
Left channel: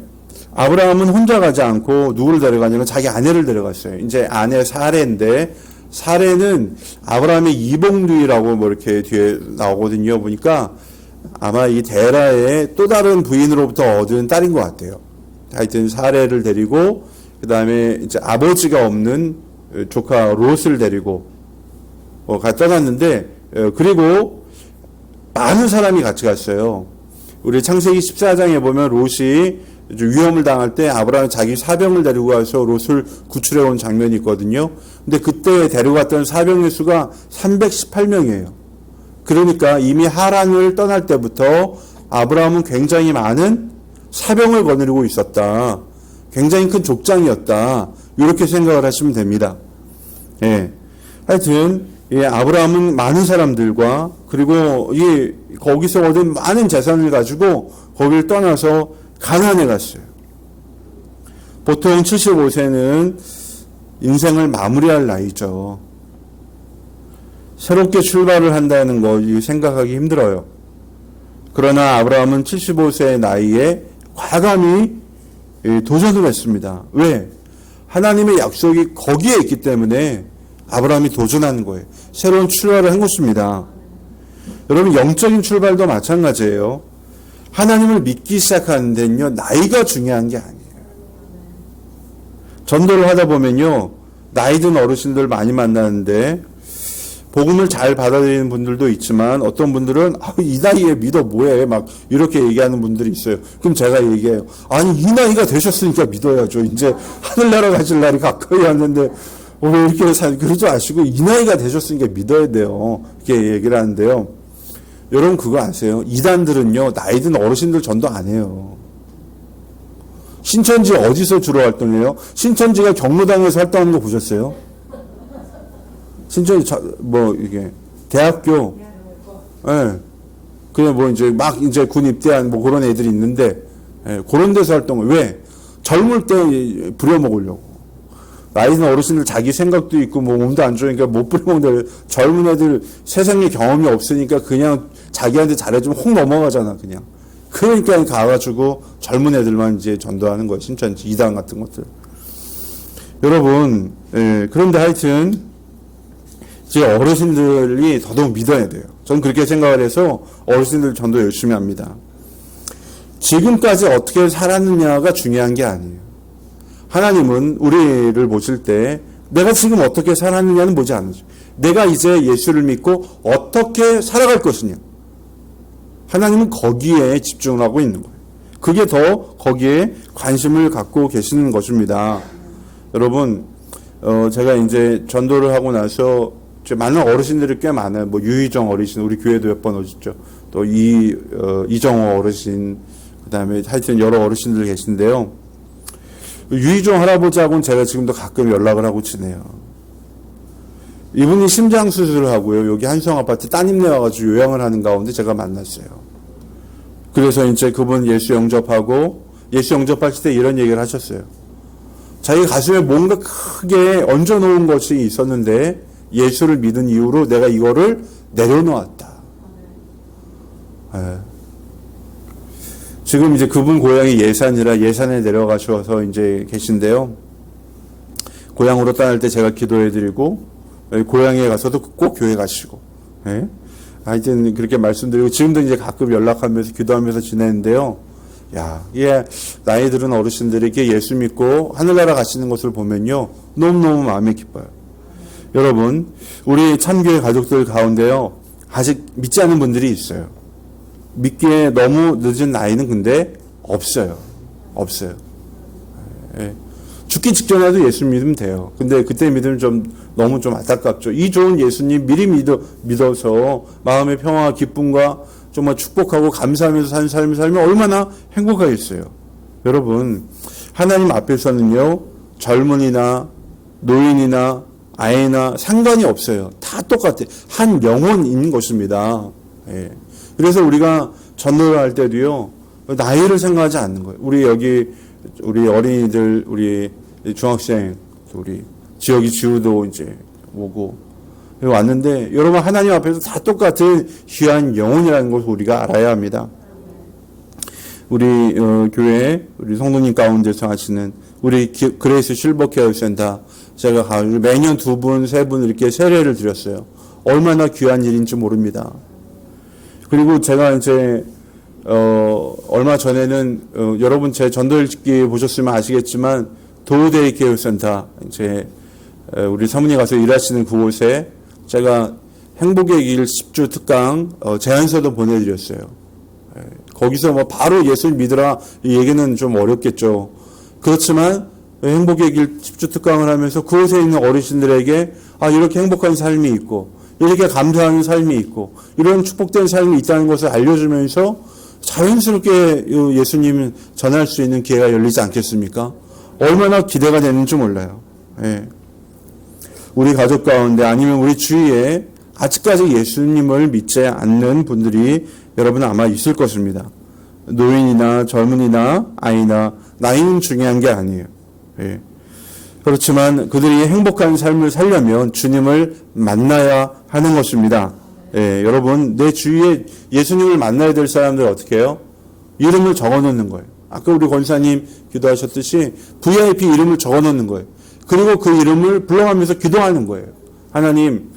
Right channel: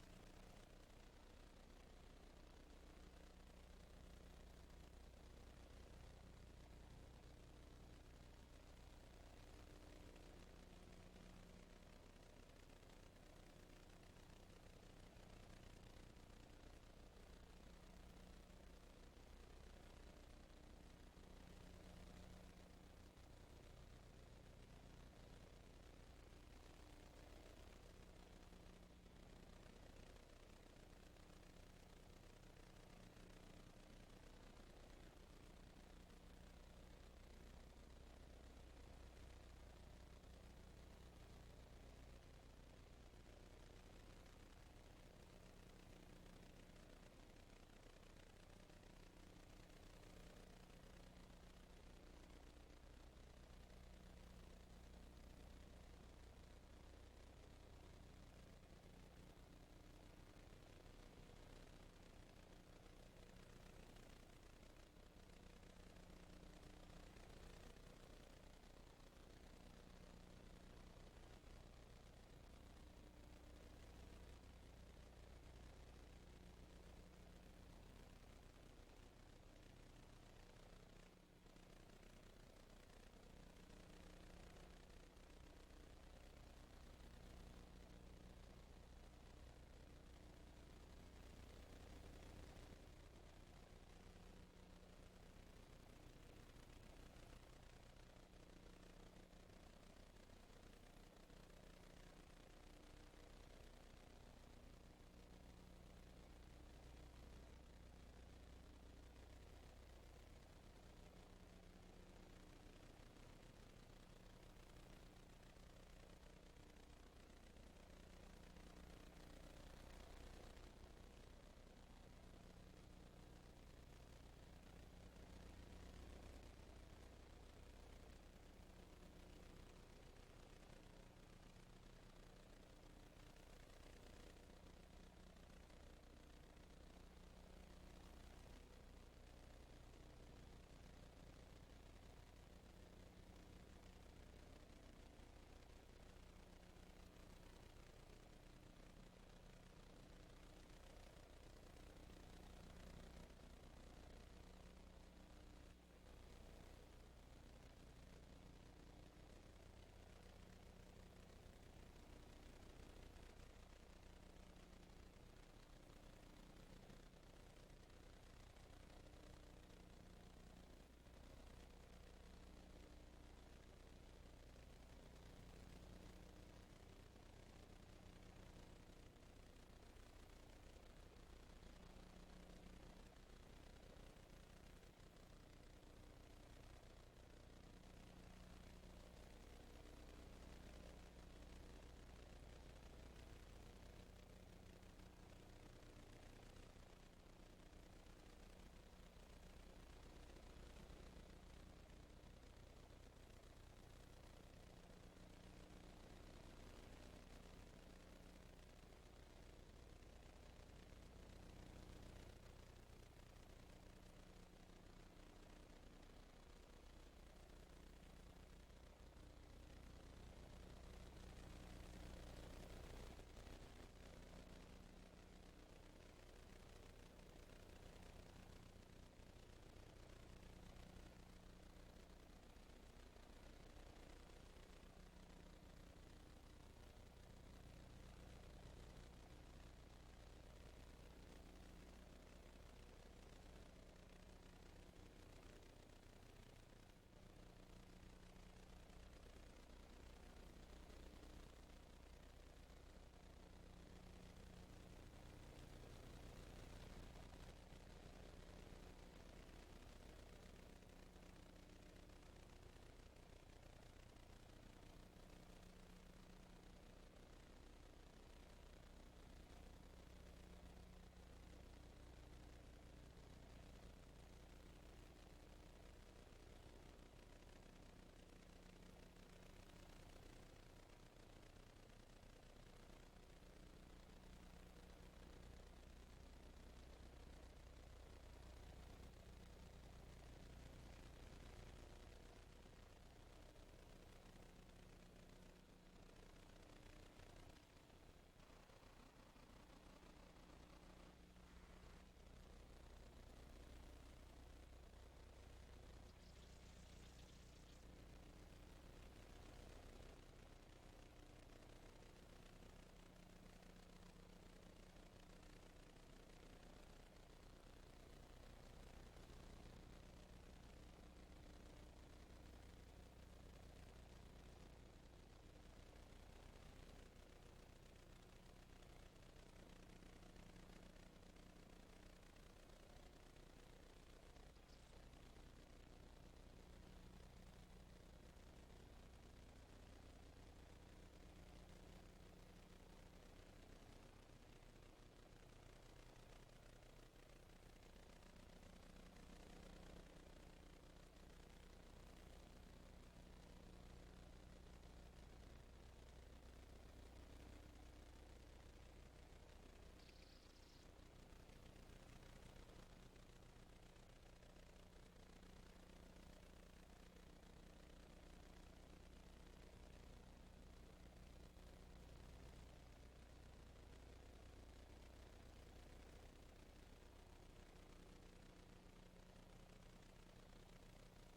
아브라함은 혼자 가지 않고 누구를 데려가냐면 자기 아내를 데려갔어요. 이제 아내 사레인데 사레는 아브라함의 이복누이라고 뭐 이렇게 뒤에 나오거든요. 보니까 아마 이 데라의 또 다른 부인으로부터 얻은 딸인 것 같아요. 하여튼 사레를 데리고 그 다음에 이제 아버지가 없는 조카 롯을 데리고 떠났는데 그리고 많은 사람이 같이 갔어요. 우리 창세기 14장에 보면 롯이 위험을 당할 때 아브라함이 자기 사병을 데리고 가서 롯을 구출해 온 장면이 있거든요. 근데 그때 데려갔던 사병의 수가 318명이에요. 그러니까 이미 하란을 떠날 때부터 아브라함은 굉장히 많은 사병을 거느리고 있었다. 굉장히 큰 족장이었다. 이렇게 생각을 하시면 됩니다. 예. 하여튼 아브라함은 많은 사람들과 그리고 거기서 얻은 많은 재산을 가지고 거기를 떠나서 가나안에 갔어요. 보통 75세는 인생을 마무리할 나이죠. 새롭게 출발을 한다는 거 생각하기 힘들어요. 그러나 아브라함은 75세의 나이에 과감히 도전을 했습니다. 왜? 하나님의 약속이 거기에 있기 때문에 아브라함이 도전하는 거예요. 새로운 출발을 한 것입니다. 여러분, 영적인 출발도 마찬가지예요. 하나님을 믿기 시작하는 데는요, 나이가 중요한 게 아니에요. 전도를 하다 보면요, 나이 든 어르신들 많이 만나는데 복음을 잘 받아들이는 분들도 있지만 어떤 분들은 이 나이에 믿어 뭐해 막 이렇게 얘기하는 분들이 있어요. 그럼 제가 얘기해요. 아니, 이 나이가 되셨으니까 믿어야죠. 이제 하늘나라 가실 날이 가까이 왔는데 왜 이렇게 그러지 마시고 이 나이가 되셨으니까 믿어야 돼요. 이렇게 얘기를 하는데요. 여러분 그거 아세요? 이단들은요, 나이 든 어르신들 전도 안 해요. 신천지 어디서 주로 활동해요? 신천지가 경로당에서 활동하는 거 보셨어요? 신천지 이게 대학교, 예, 그냥 이제 군 입대한 그런 애들이 있는데, 예, 그런 데서 활동을 왜? 젊을 때 부려먹으려고. 나이 든 어르신들 자기 생각도 있고 몸도 안 좋으니까 못 부려먹는데 젊은 애들 세상에 경험이 없으니까 그냥 자기한테 잘해주면 혹 넘어가잖아 그냥. 그러니까 가가지고 젊은 애들만 이제 전도하는 거예요. 신천지 이단 같은 것들. 여러분, 예, 그런데 하여튼 이제 어르신들이 더더욱 믿어야 돼요. 저는 그렇게 생각을 해서 어르신들 전도 열심히 합니다. 지금까지 어떻게 살았느냐가 중요한 게 아니에요. 하나님은 우리를 보실 때 내가 지금 어떻게 살았느냐는 보지 않으죠. 내가 이제 예수를 믿고 어떻게 살아갈 것이냐. 하나님은 거기에 집중을 하고 있는 거예요. 그게 더 거기에 관심을 갖고 계시는 것입니다. 여러분, 제가 이제 전도를 하고 나서 많은 어르신들이 꽤 많아요. 유희정 어르신, 우리 교회도 몇 번 오셨죠. 또 이정호 어르신, 그 다음에 하여튼 여러 어르신들 계신데요. 유희정 할아버지하고는 제가 지금도 가끔 연락을 하고 지내요. 이분이 심장 수술을 하고요. 여기 한성 아파트 따님네 와가지고 요양을 하는 가운데 제가 만났어요. 그래서 이제 그분 예수 영접하고 예수 영접하실 때 이런 얘기를 하셨어요. 자기 가슴에 뭔가 크게 얹어놓은 것이 있었는데 예수를 믿은 이후로 내가 이거를 내려놓았다. 네. 지금 이제 그분 고향이 예산이라 예산에 내려가셔서 이제 계신데요. 고향으로 떠날 때 제가 기도해드리고 고향에 가서도 꼭 교회 가시고, 예? 하여튼 그렇게 말씀드리고 지금도 이제 가끔 연락하면서 기도하면서 지내는데요. 야, 나이 들은 어르신들이 이렇게 예수 믿고 하늘나라 가시는 것을 보면요, 너무너무 마음이 기뻐요. 여러분, 우리 참교회 가족들 가운데요, 아직 믿지 않는 분들이 있어요. 믿기에 너무 늦은 나이는 근데 없어요. 예. 죽기 직전에도 예수 믿으면 돼요. 근데 그때 믿으면 너무 안타깝죠. 이 좋은 예수님 미리 믿어서 마음의 평화와 기쁨과 정말 축복하고 감사하면서 사는 삶을 살면 얼마나 행복하겠어요. 여러분, 하나님 앞에서는요, 젊은이나 노인이나 아이나 상관이 없어요. 다 똑같아요. 한 영혼인 것입니다. 예. 그래서 우리가 전도를 할 때도요, 나이를 생각하지 않는 거예요. 우리 어린이들, 우리 중학생, 우리 지우도 이제 오고 왔는데, 여러분 하나님 앞에서 다 똑같은 귀한 영혼이라는 것을 우리가 알아야 합니다. 우리 교회 우리 성도님 가운데서 하시는 우리 그레이스 실버 케어 센터, 제가 가지고 매년 2분, 3분 이렇게 세례를 드렸어요. 얼마나 귀한 일인지 모릅니다. 그리고 제가 이제 얼마 전에는 여러분 제 전도일기 보셨으면 아시겠지만 도우데이 케어 센터, 이제 우리 사모님 가서 일하시는 그곳에 제가 행복의 길 10주 특강 제안서도 보내드렸어요. 거기서 바로 예수를 믿으라 이 얘기는 좀 어렵겠죠. 그렇지만 행복의 길 10주 특강을 하면서 그곳에 있는 어르신들에게 이렇게 행복한 삶이 있고 이렇게 감사하는 삶이 있고 이런 축복된 삶이 있다는 것을 알려주면서 자연스럽게 예수님 전할 수 있는 기회가 열리지 않겠습니까? 얼마나 기대가 되는지 몰라요. 예. 우리 가족 가운데 아니면 우리 주위에 아직까지 예수님을 믿지 않는 분들이 여러분 아마 있을 것입니다. 노인이나 젊은이나 아이나 나이는 중요한 게 아니에요. 예. 그렇지만 그들이 행복한 삶을 살려면 주님을 만나야 하는 것입니다. 예, 여러분 내 주위에 예수님을 만나야 될 사람들 어떻게 해요? 이름을 적어놓는 거예요. 아까 우리 권사님 기도하셨듯이 VIP 이름을 적어놓는 거예요. 그리고 그 이름을 불러가면서 기도하는 거예요. 하나님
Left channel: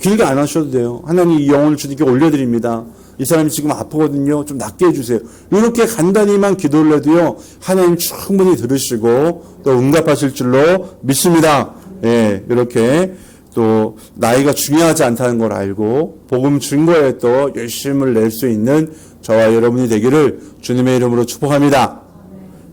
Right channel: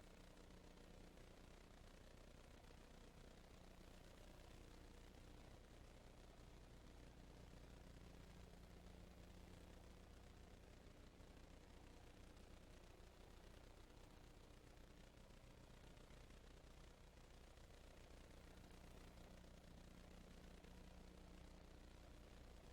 길게 안 하셔도 돼요. 하나님 이 영혼을 주님께 올려드립니다. 이 사람이 지금 아프거든요. 좀 낫게 해주세요. 이렇게 간단히만 기도를 해도요. 하나님 충분히 들으시고 또 응답하실 줄로 믿습니다. 예, 이렇게 또 나이가 중요하지 않다는 걸 알고 복음 증거에 또 열심을 낼 수 있는 저와 여러분이 되기를 주님의 이름으로 축복합니다.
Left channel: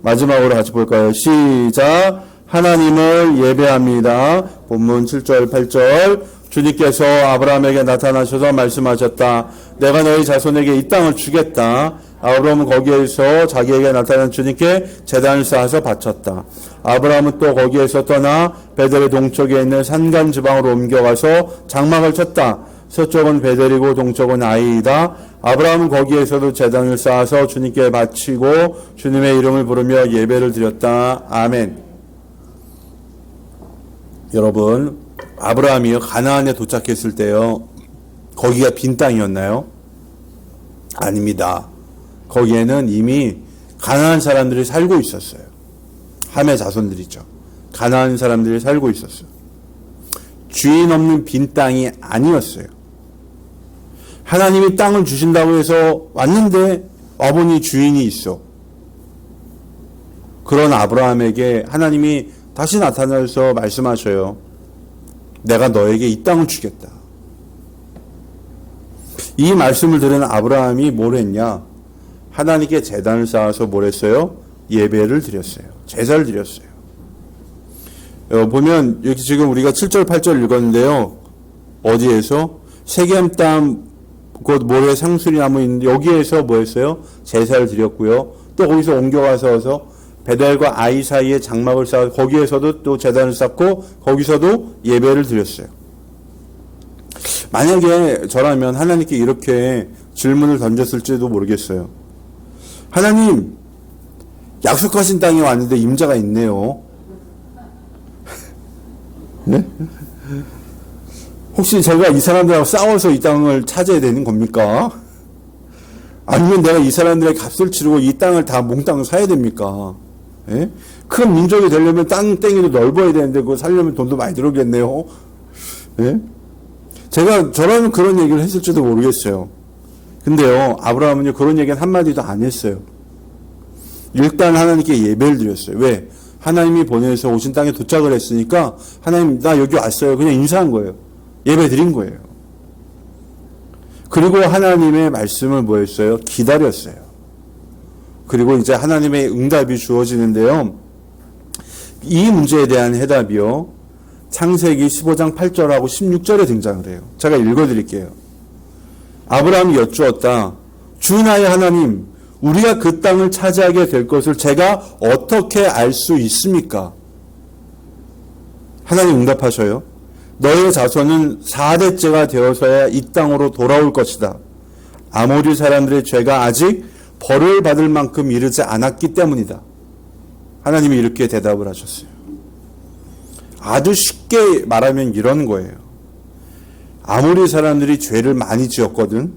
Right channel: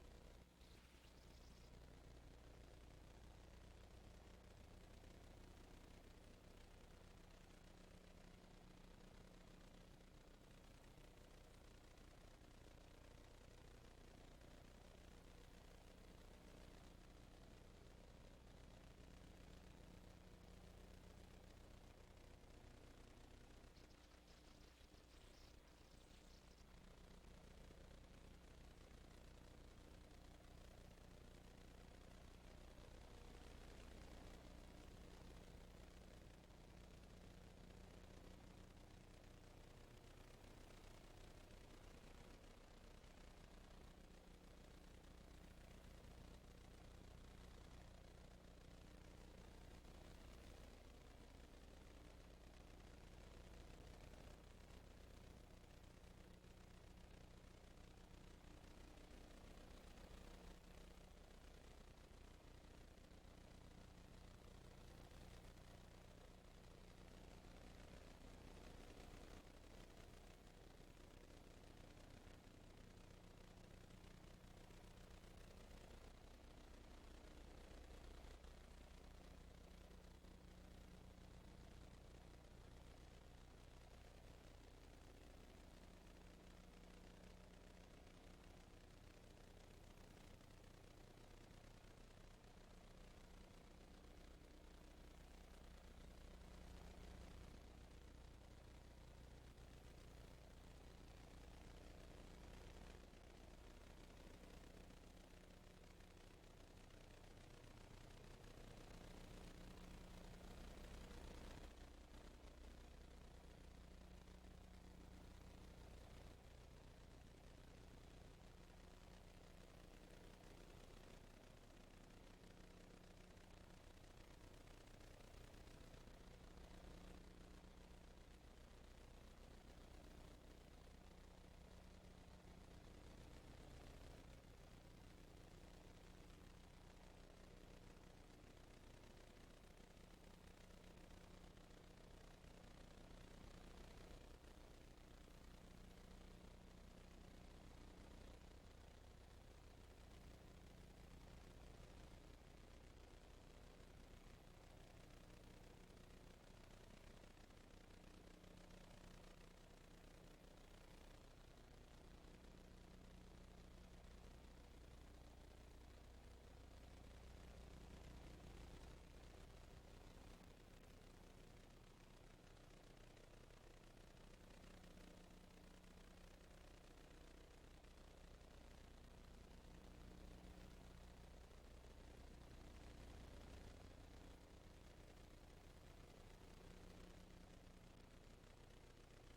마지막으로 같이 볼까요? 시작. 하나님을 예배합니다. 본문 7절 8절 주님께서 아브라함에게 나타나셔서 말씀하셨다. 내가 너희 자손에게 이 땅을 주겠다. 아브라함은 거기에서 자기에게 나타난 주님께 제단을 쌓아서 바쳤다. 아브라함은 또 거기에서 떠나 베델의 동쪽에 있는 산간 지방으로 옮겨가서 장막을 쳤다. 서쪽은 베델이고 동쪽은 아이이다. 아브라함은 거기에서도 제단을 쌓아서 주님께 바치고 주님의 이름을 부르며 예배를 드렸다. 아멘. 여러분, 아브라함이요 가나안에 도착했을 때요 거기가 빈 땅이었나요? 아닙니다. 거기에는 이미 가나안 사람들이 살고 있었어요. 함의 자손들이죠. 가나안 사람들이 살고 있었어요. 주인 없는 빈 땅이 아니었어요. 하나님이 땅을 주신다고 해서 왔는데 와보니 주인이 있어. 그런 아브라함에게 하나님이 다시 나타나서 말씀하셔요. 내가 너에게 이 땅을 주겠다. 이 말씀을 들은 아브라함이 뭘 했냐? 하나님께 제단을 쌓아서 뭘 했어요? 예배를 드렸어요. 제사를 드렸어요. 보면 여기 지금 우리가 7절 8절 읽었는데요. 어디에서? 세겜 땅 곧 모래 상수리 나무 있는데 여기에서 뭐 했어요? 제사를 드렸고요. 또 거기서 옮겨가서 베델과 아이 사이에 장막을 쌓아 거기에서도 또 제단을 쌓고 거기서도 예배를 드렸어요. 만약에 저라면 하나님께 이렇게 질문을 던졌을지도 모르겠어요. 하나님, 약속하신 땅에 왔는데 임자가 있네요. 네? 혹시 제가 이 사람들하고 싸워서 이 땅을 차지해야 되는 겁니까? 아니면 내가 이 사람들의 값을 치르고 이 땅을 다 몽땅 사야 됩니까? 예? 큰 민족이 되려면 땅땡이도 넓어야 되는데 그거 살려면 돈도 많이 들어오겠네요. 예? 제가 저라면 그런 얘기를 했을지도 모르겠어요. 근데요, 아브라함은요, 그런 얘기는 한마디도 안 했어요. 일단 하나님께 예배를 드렸어요. 왜? 하나님이 보내서 오신 땅에 도착을 했으니까, 하나님, 나 여기 왔어요. 그냥 인사한 거예요. 예배 드린 거예요. 그리고 하나님의 말씀을 뭐 했어요? 기다렸어요. 그리고 이제 하나님의 응답이 주어지는데요. 이 문제에 대한 해답이요. 창세기 15장 8절하고 16절에 등장을 해요. 제가 읽어드릴게요. 아브라함이 여쭈었다. 주 나의 하나님, 우리가 그 땅을 차지하게 될 것을 제가 어떻게 알 수 있습니까? 하나님 응답하셔요. 너의 자손은 4대째가 되어서야 이 땅으로 돌아올 것이다. 아모리 사람들의 죄가 아직 벌을 받을 만큼 이르지 않았기 때문이다. 하나님이 이렇게 대답을 하셨어요. 아주 쉽게 말하면 이런 거예요. 아모리 사람들이 죄를 많이 지었거든.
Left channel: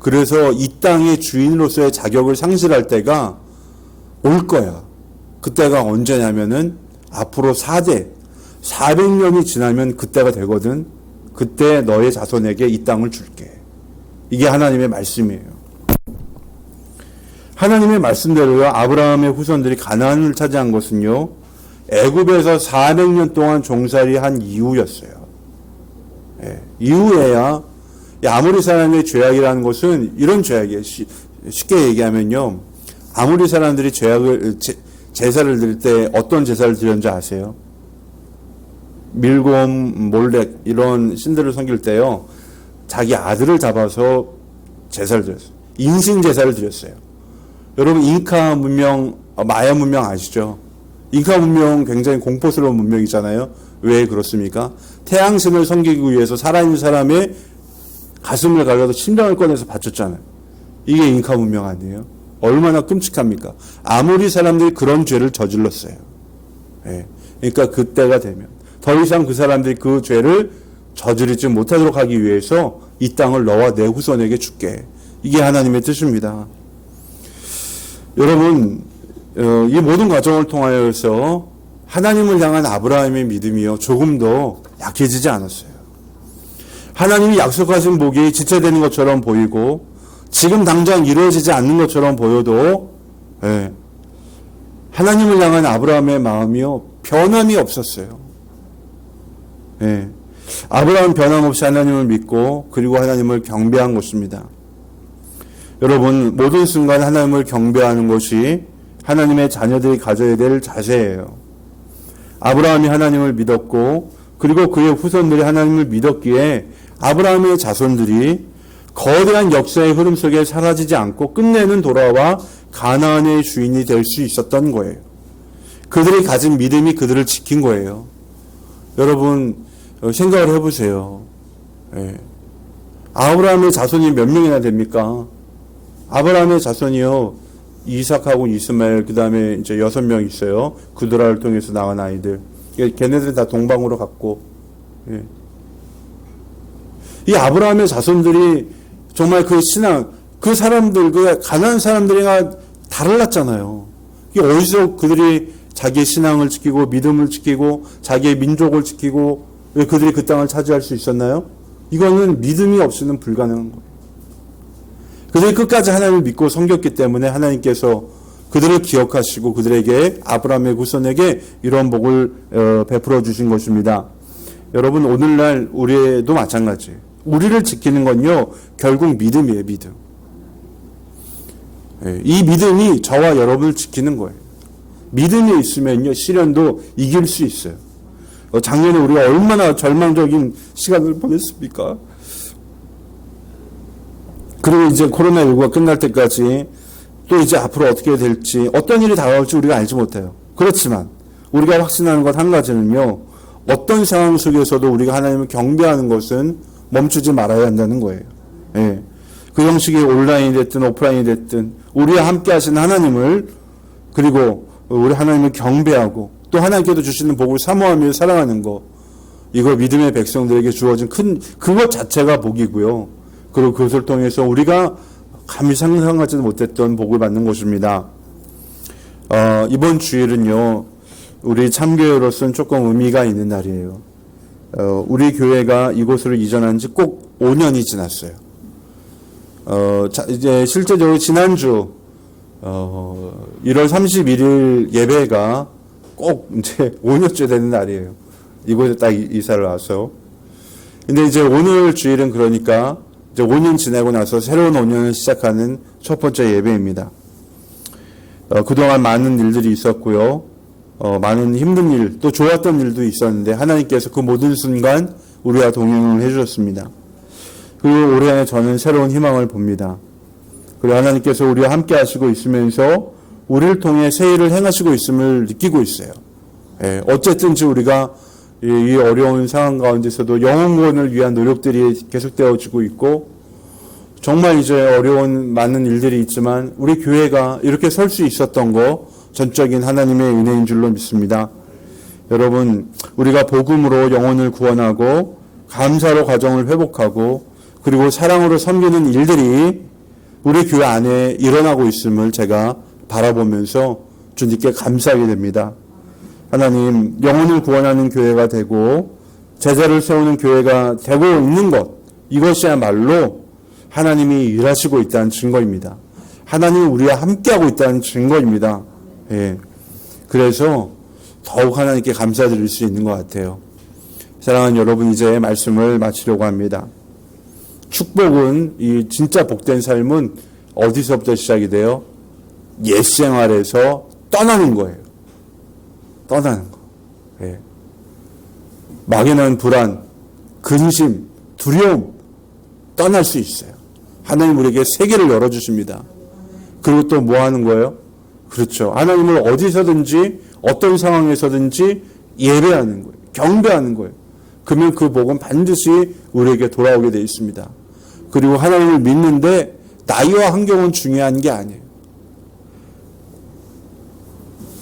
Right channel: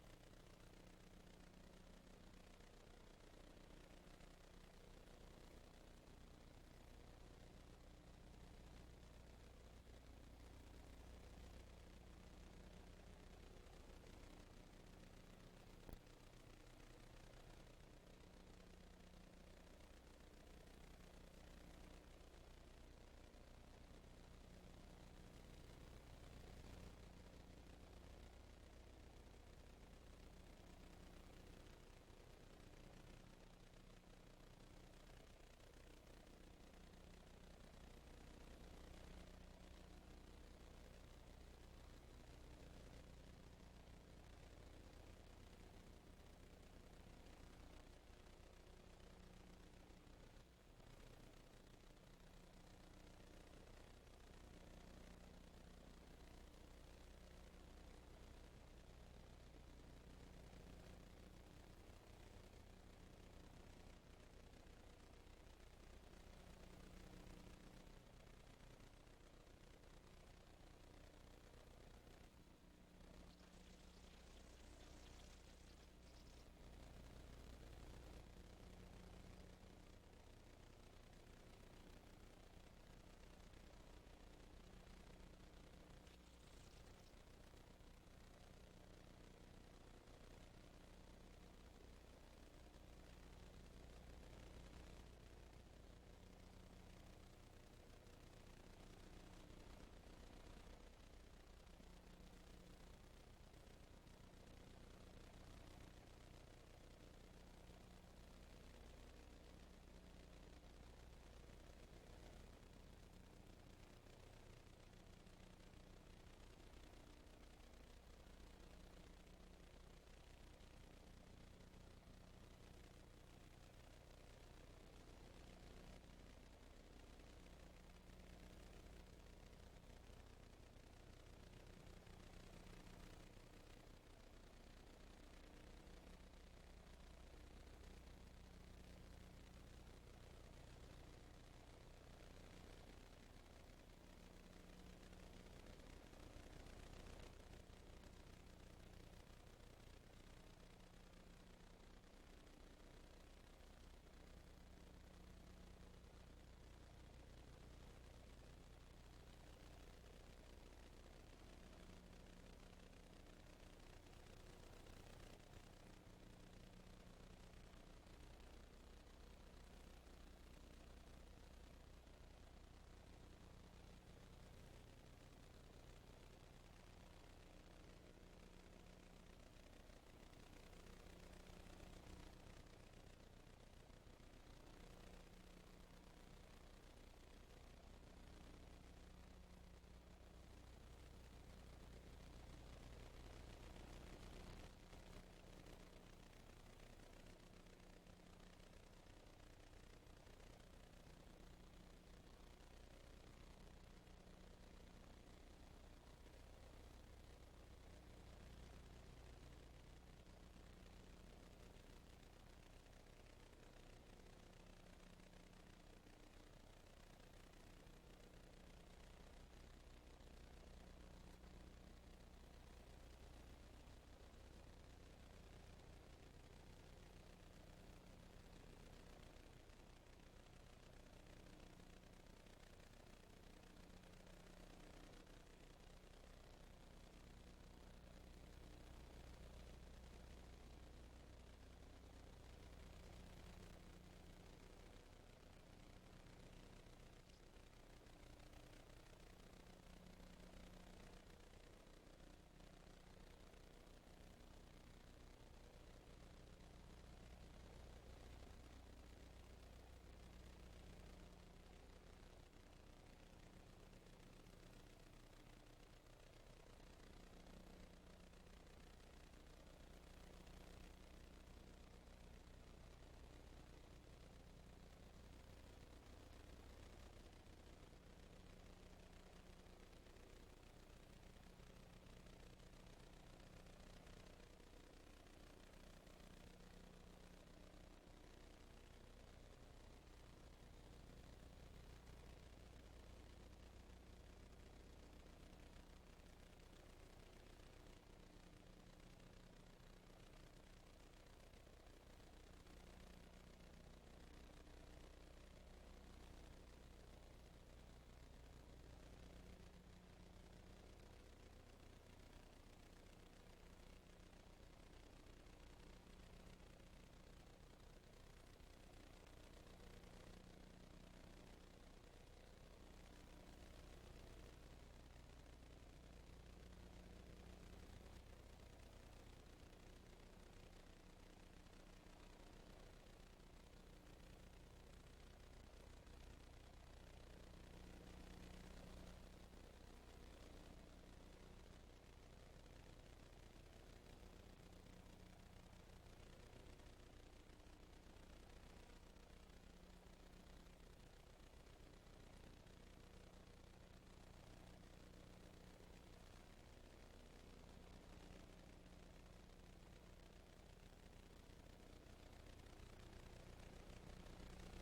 그래서 이 땅의 주인으로서의 자격을 상실할 때가 올 거야. 그때가 언제냐면은 앞으로 400년이 지나면 그때가 되거든. 그때 너의 자손에게 이 땅을 줄게. 이게 하나님의 말씀이에요. 하나님의 말씀대로요. 아브라함의 후손들이 가나안을 차지한 것은요. 애굽에서 400년 동안 종살이한 이후였어요. 예, 이후에야 아모리 사람의 죄악이라는 것은 이런 죄악이에요. 쉽게 얘기하면요. 아모리 사람들이 제사를 드릴 때 어떤 제사를 드렸는지 아세요? 밀곰, 몰렉 이런 신들을 섬길 때요. 자기 아들을 잡아서 제사를 드렸어요. 인신 제사를 드렸어요. 여러분 잉카 문명, 마야 문명 아시죠? 잉카 문명 굉장히 공포스러운 문명이잖아요. 왜 그렇습니까? 태양신을 섬기기 위해서 살아있는 사람의 가슴을 갈라서 심장을 꺼내서 바쳤잖아요. 이게 잉카 문명 아니에요? 얼마나 끔찍합니까? 아무리 사람들이 그런 죄를 저질렀어요. 예. 그러니까 그때가 되면 더 이상 그 사람들이 그 죄를 저지르지 못하도록 하기 위해서 이 땅을 너와 내 후손에게 줄게. 이게 하나님의 뜻입니다. 여러분, 이 모든 과정을 통하여서 하나님을 향한 아브라함의 믿음이요 조금도 약해지지 않았어요. 하나님이 약속하신 복이 지체되는 것처럼 보이고 지금 당장 이루어지지 않는 것처럼 보여도 하나님을 향한 아브라함의 마음이요 변함이 없었어요. 아브라함은 변함없이 하나님을 믿고 그리고 하나님을 경배한 것입니다. 여러분, 모든 순간 하나님을 경배하는 것이 하나님의 자녀들이 가져야 될 자세예요. 아브라함이 하나님을 믿었고 그리고 그의 후손들이 하나님을 믿었기에 아브라함의 자손들이 거대한 역사의 흐름 속에 사라지지 않고 끝내는 돌아와 가나안의 주인이 될 수 있었던 거예요. 그들이 가진 믿음이 그들을 지킨 거예요. 여러분, 생각을 해보세요. 아브라함의 자손이 몇 명이나 됩니까? 아브라함의 자손이요, 이삭하고 이스마엘, 그 다음에 이제 6명 있어요. 구드라를 통해서 나간 아이들. 걔네들은 다 동방으로 갔고, 이 아브라함의 자손들이 정말 그 신앙, 그 사람들, 그 가난한 사람들이가 달랐잖아요. 이게 어디서 그들이 자기의 신앙을 지키고 믿음을 지키고 자기의 민족을 지키고 왜 그들이 그 땅을 차지할 수 있었나요? 이거는 믿음이 없이는 불가능한 거예요. 그들이 끝까지 하나님을 믿고 섬겼기 때문에 하나님께서 그들을 기억하시고 그들에게 아브라함의 후손에게 이런 복을 베풀어 주신 것입니다. 여러분, 오늘날 우리도 마찬가지예요. 우리를 지키는 건요 결국 믿음이에요. 믿음. 이 믿음이 저와 여러분을 지키는 거예요. 믿음이 있으면요 시련도 이길 수 있어요. 작년에 우리가 얼마나 절망적인 시간을 보냈습니까? 그리고 이제 코로나19가 끝날 때까지 또 이제 앞으로 어떻게 될지 어떤 일이 다가올지 우리가 알지 못해요. 그렇지만 우리가 확신하는 것 한 가지는요, 어떤 상황 속에서도 우리가 하나님을 경배하는 것은 멈추지 말아야 한다는 거예요. 그 형식이 온라인이 됐든 오프라인이 됐든 우리와 함께 하시는 하나님을, 그리고 우리 하나님을 경배하고 또 하나님께도 주시는 복을 사모하며 살아가는 것, 이거 믿음의 백성들에게 주어진 큰 그것 자체가 복이고요. 그리고 그것을 통해서 우리가 감히 상상하지도 못했던 복을 받는 것입니다. 이번 주일은요, 우리 참교회로서는 조금 의미가 있는 날이에요. 우리 교회가 이곳으로 이전한 지 꼭 5년이 지났어요. 이제 실제적으로 지난주 1월 31일 예배가 꼭 이제 5년째 되는 날이에요. 이곳에 딱 이사를 와서. 근데 이제 오늘 주일은 그러니까 이제 5년 지나고 나서 새로운 5년을 시작하는 첫 번째 예배입니다. 그동안 많은 일들이 있었고요. 많은 힘든 일, 또 좋았던 일도 있었는데 하나님께서 그 모든 순간 우리와 동행을 해주셨습니다. 그리고 올해 저는 새로운 희망을 봅니다. 그리고 하나님께서 우리와 함께 하시고 있으면서 우리를 통해 새 일을 행하시고 있음을 느끼고 있어요. 어쨌든지 우리가 이 어려운 상황 가운데서도 영혼 구원을 위한 노력들이 계속되어지고 있고, 정말 이제 어려운 많은 일들이 있지만 우리 교회가 이렇게 설 수 있었던 거 전적인 하나님의 은혜인 줄로 믿습니다. 여러분, 우리가 복음으로 영혼을 구원하고 감사로 가정을 회복하고 그리고 사랑으로 섬기는 일들이 우리 교회 안에 일어나고 있음을 제가 바라보면서 주님께 감사하게 됩니다. 하나님, 영혼을 구원하는 교회가 되고 제자를 세우는 교회가 되고 있는 것, 이것이야말로 하나님이 일하시고 있다는 증거입니다. 하나님이 우리와 함께하고 있다는 증거입니다. 그래서 더욱 하나님께 감사드릴 수 있는 것 같아요. 사랑하는 여러분, 이제 말씀을 마치려고 합니다. 축복은, 이 진짜 복된 삶은 어디서부터 시작이 돼요? 옛 생활에서 떠나는 거예요. 떠나는 거. 막연한 불안, 근심, 두려움 떠날 수 있어요. 하나님 우리에게 세계를 열어주십니다. 그리고 또 뭐 하는 거예요? 그렇죠. 하나님을 어디서든지 어떤 상황에서든지 예배하는 거예요. 경배하는 거예요. 그러면 그 복은 반드시 우리에게 돌아오게 되어 있습니다. 그리고 하나님을 믿는데 나이와 환경은 중요한 게 아니에요.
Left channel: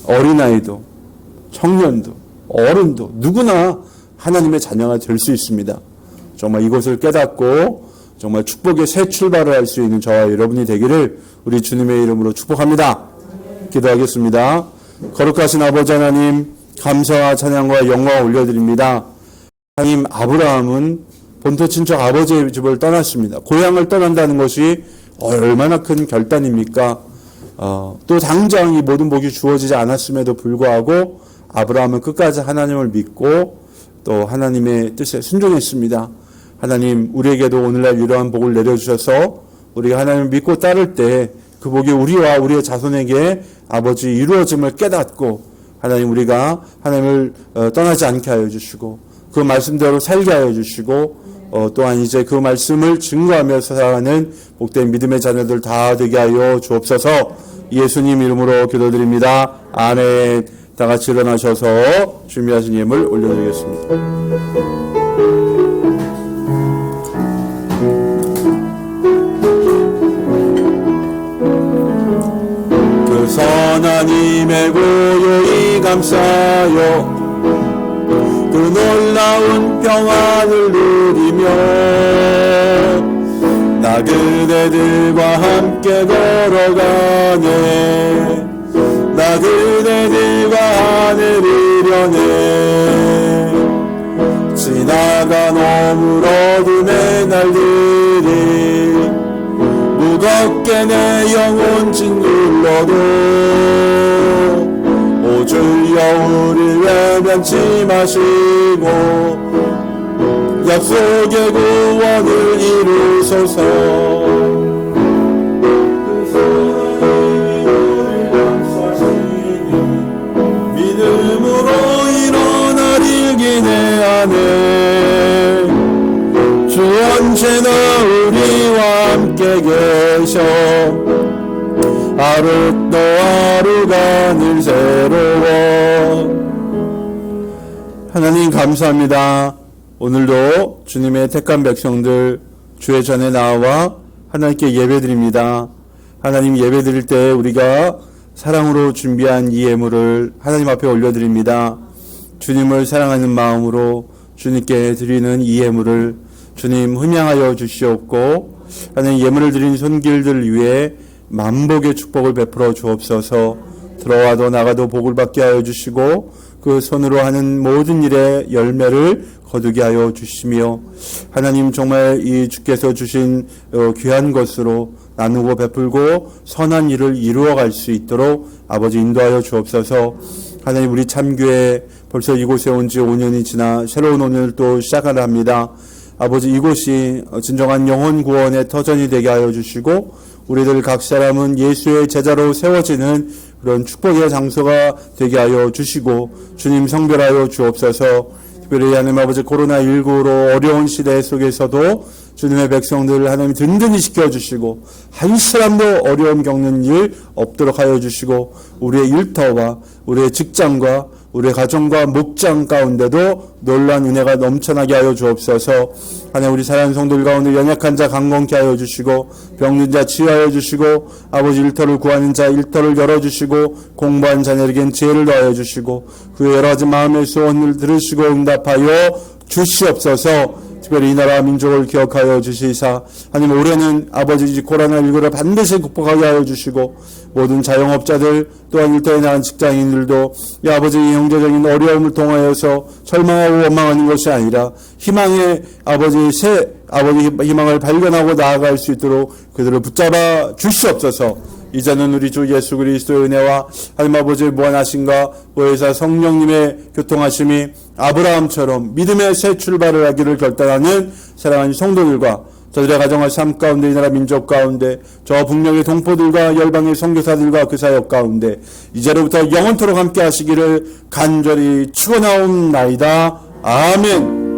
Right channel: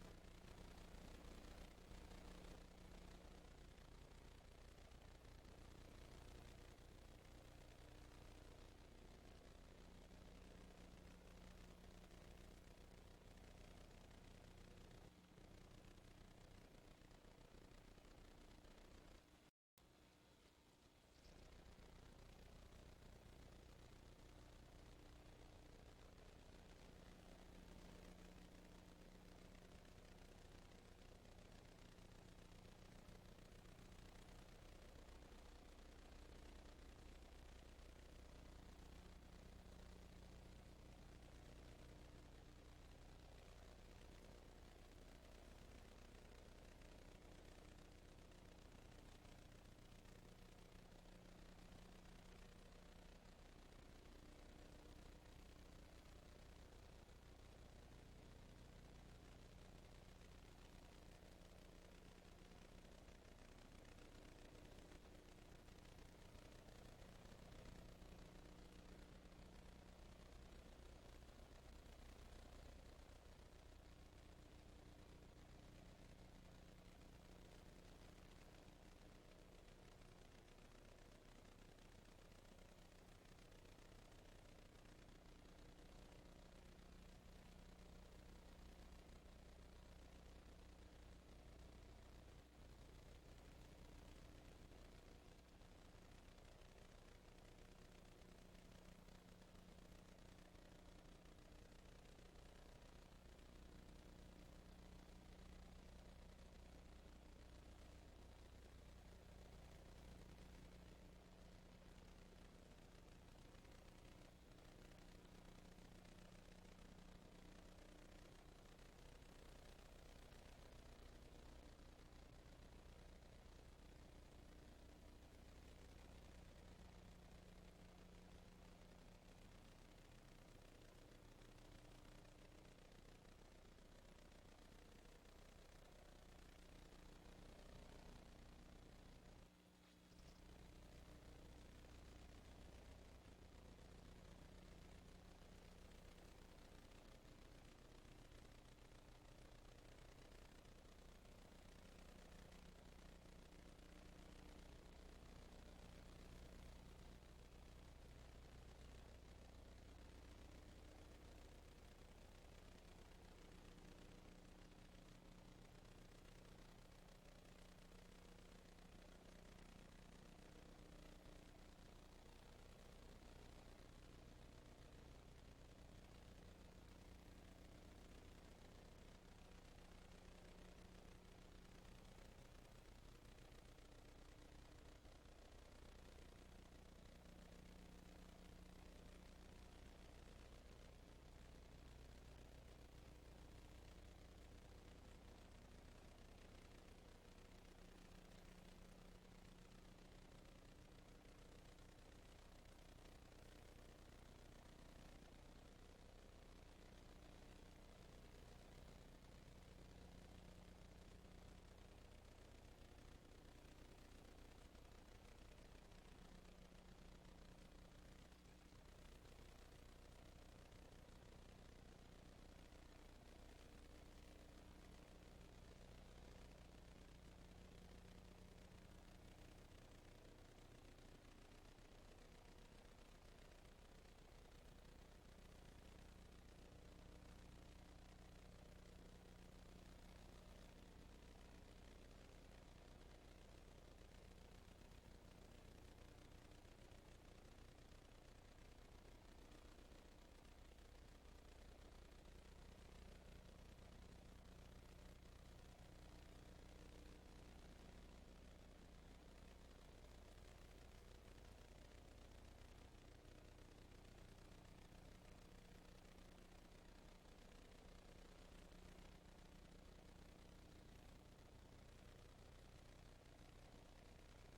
어린아이도 청년도 어른도 누구나 하나님의 자녀가 될 수 있습니다. 정말 이것을 깨닫고 정말 축복의 새 출발을 할 수 있는 저와 여러분이 되기를 우리 주님의 이름으로 축복합니다. 기도하겠습니다. 거룩하신 아버지 하나님, 감사와 찬양과 영광을 올려드립니다. 하나님, 아브라함은 본토 친척 아버지의 집을 떠났습니다. 고향을 떠난다는 것이 얼마나 큰 결단입니까? 또 당장 이 모든 복이 주어지지 않았음에도 불구하고 아브라함은 끝까지 하나님을 믿고 또 하나님의 뜻에 순종했습니다. 하나님, 우리에게도 오늘날 이러한 복을 내려주셔서 우리가 하나님을 믿고 따를 때 그 복이 우리와 우리의 자손에게 아버지 이루어짐을 깨닫고 하나님, 우리가 하나님을 떠나지 않게 하여 주시고 그 말씀대로 살게 하여 주시고 또한 이제 그 말씀을 증거하며 살아가는 복된 믿음의 자녀들 다 되게 하여 주옵소서. 예수님 이름으로 기도드립니다. 아멘. 다 같이 일어나셔서 준비하신 예물 올려드리겠습니다. 그 선하님의 고요히 감싸요 그 놀라운 평안을 누리며 나 그대들과 함께 걸어가네 나 그대들과 하늘 이려네 지나간 오물 어둠의 날들이 무겁게 내 영혼 짓눌러도 오주여 우리 외면치 마시고 약속의 구원을 이루소서. 믿음으로 일어나릴 기대 안에 주 언제나 우리와 함께 계셔 하루 또 하루가 늘 새로워. 하나님 감사합니다. 오늘도 주님의 택한 백성들 주의 전에 나와 하나님께 예배드립니다. 하나님 예배드릴 때 우리가 사랑으로 준비한 이 예물을 하나님 앞에 올려드립니다. 주님을 사랑하는 마음으로 주님께 드리는 이 예물을 주님 흠양하여 주시옵고 하나님 예물을 드린 손길들 위해 만복의 축복을 베풀어 주옵소서. 들어와도 나가도 복을 받게 하여 주시고 그 손으로 하는 모든 일의 열매를 거두게 하여 주시며 하나님 정말 이 주께서 주신 귀한 것으로 나누고 베풀고 선한 일을 이루어갈 수 있도록 아버지 인도하여 주옵소서. 하나님 우리 참교회 벌써 이곳에 온 지 5년이 지나 새로운 오늘 또 시작을 합니다. 아버지 이곳이 진정한 영혼 구원의 터전이 되게 하여 주시고 우리들 각 사람은 예수의 제자로 세워지는 그런 축복의 장소가 되게 하여 주시고 주님 성별하여 주옵소서. 특별히 하나님 아버지 코로나19로 어려운 시대 속에서도 주님의 백성들을 하나님 든든히 지켜주시고 한 사람도 어려움 겪는 일 없도록 하여 주시고 우리의 일터와 우리의 직장과 우리의 가정과 목장 가운데도 놀라운 은혜가 넘쳐나게 하여 주옵소서. 하나님 우리 사랑하는 성도들 가운데 연약한 자 강건케 하여 주시고 병든 자 치유하여 주시고 아버지 일터를 구하는 자 일터를 열어주시고 공부한 자녀에겐 지혜를 더하여 주시고 그 여러 가지 마음의 소원을 들으시고 응답하여 주시옵소서. 특별히 이 나라 민족을 기억하여 주시사 하나님 올해는 아버지 코로나19를 반드시 극복하게 하여 주시고 모든 자영업자들 또한 일터에 나간 직장인들도 이 아버지 경제적인 어려움을 통하여서 절망하고 원망하는 것이 아니라 희망의 아버지 새 아버지 희망을 발견하고 나아갈 수 있도록 그들을 붙잡아 주시옵소서. 이제는 우리 주 예수 그리스도의 은혜와 하나님 아버지의 무한하심과 보혜사 성령님의 교통하심이 아브라함처럼 믿음의 새 출발을 하기를 결단하는 사랑하는 성도들과 저들의 가정과 삶 가운데 이 나라 민족 가운데 저 북녘의 동포들과 열방의 선교사들과 그 사역 가운데 이제로부터 영원토록 함께 하시기를 간절히 축원하옵나이다. 아멘.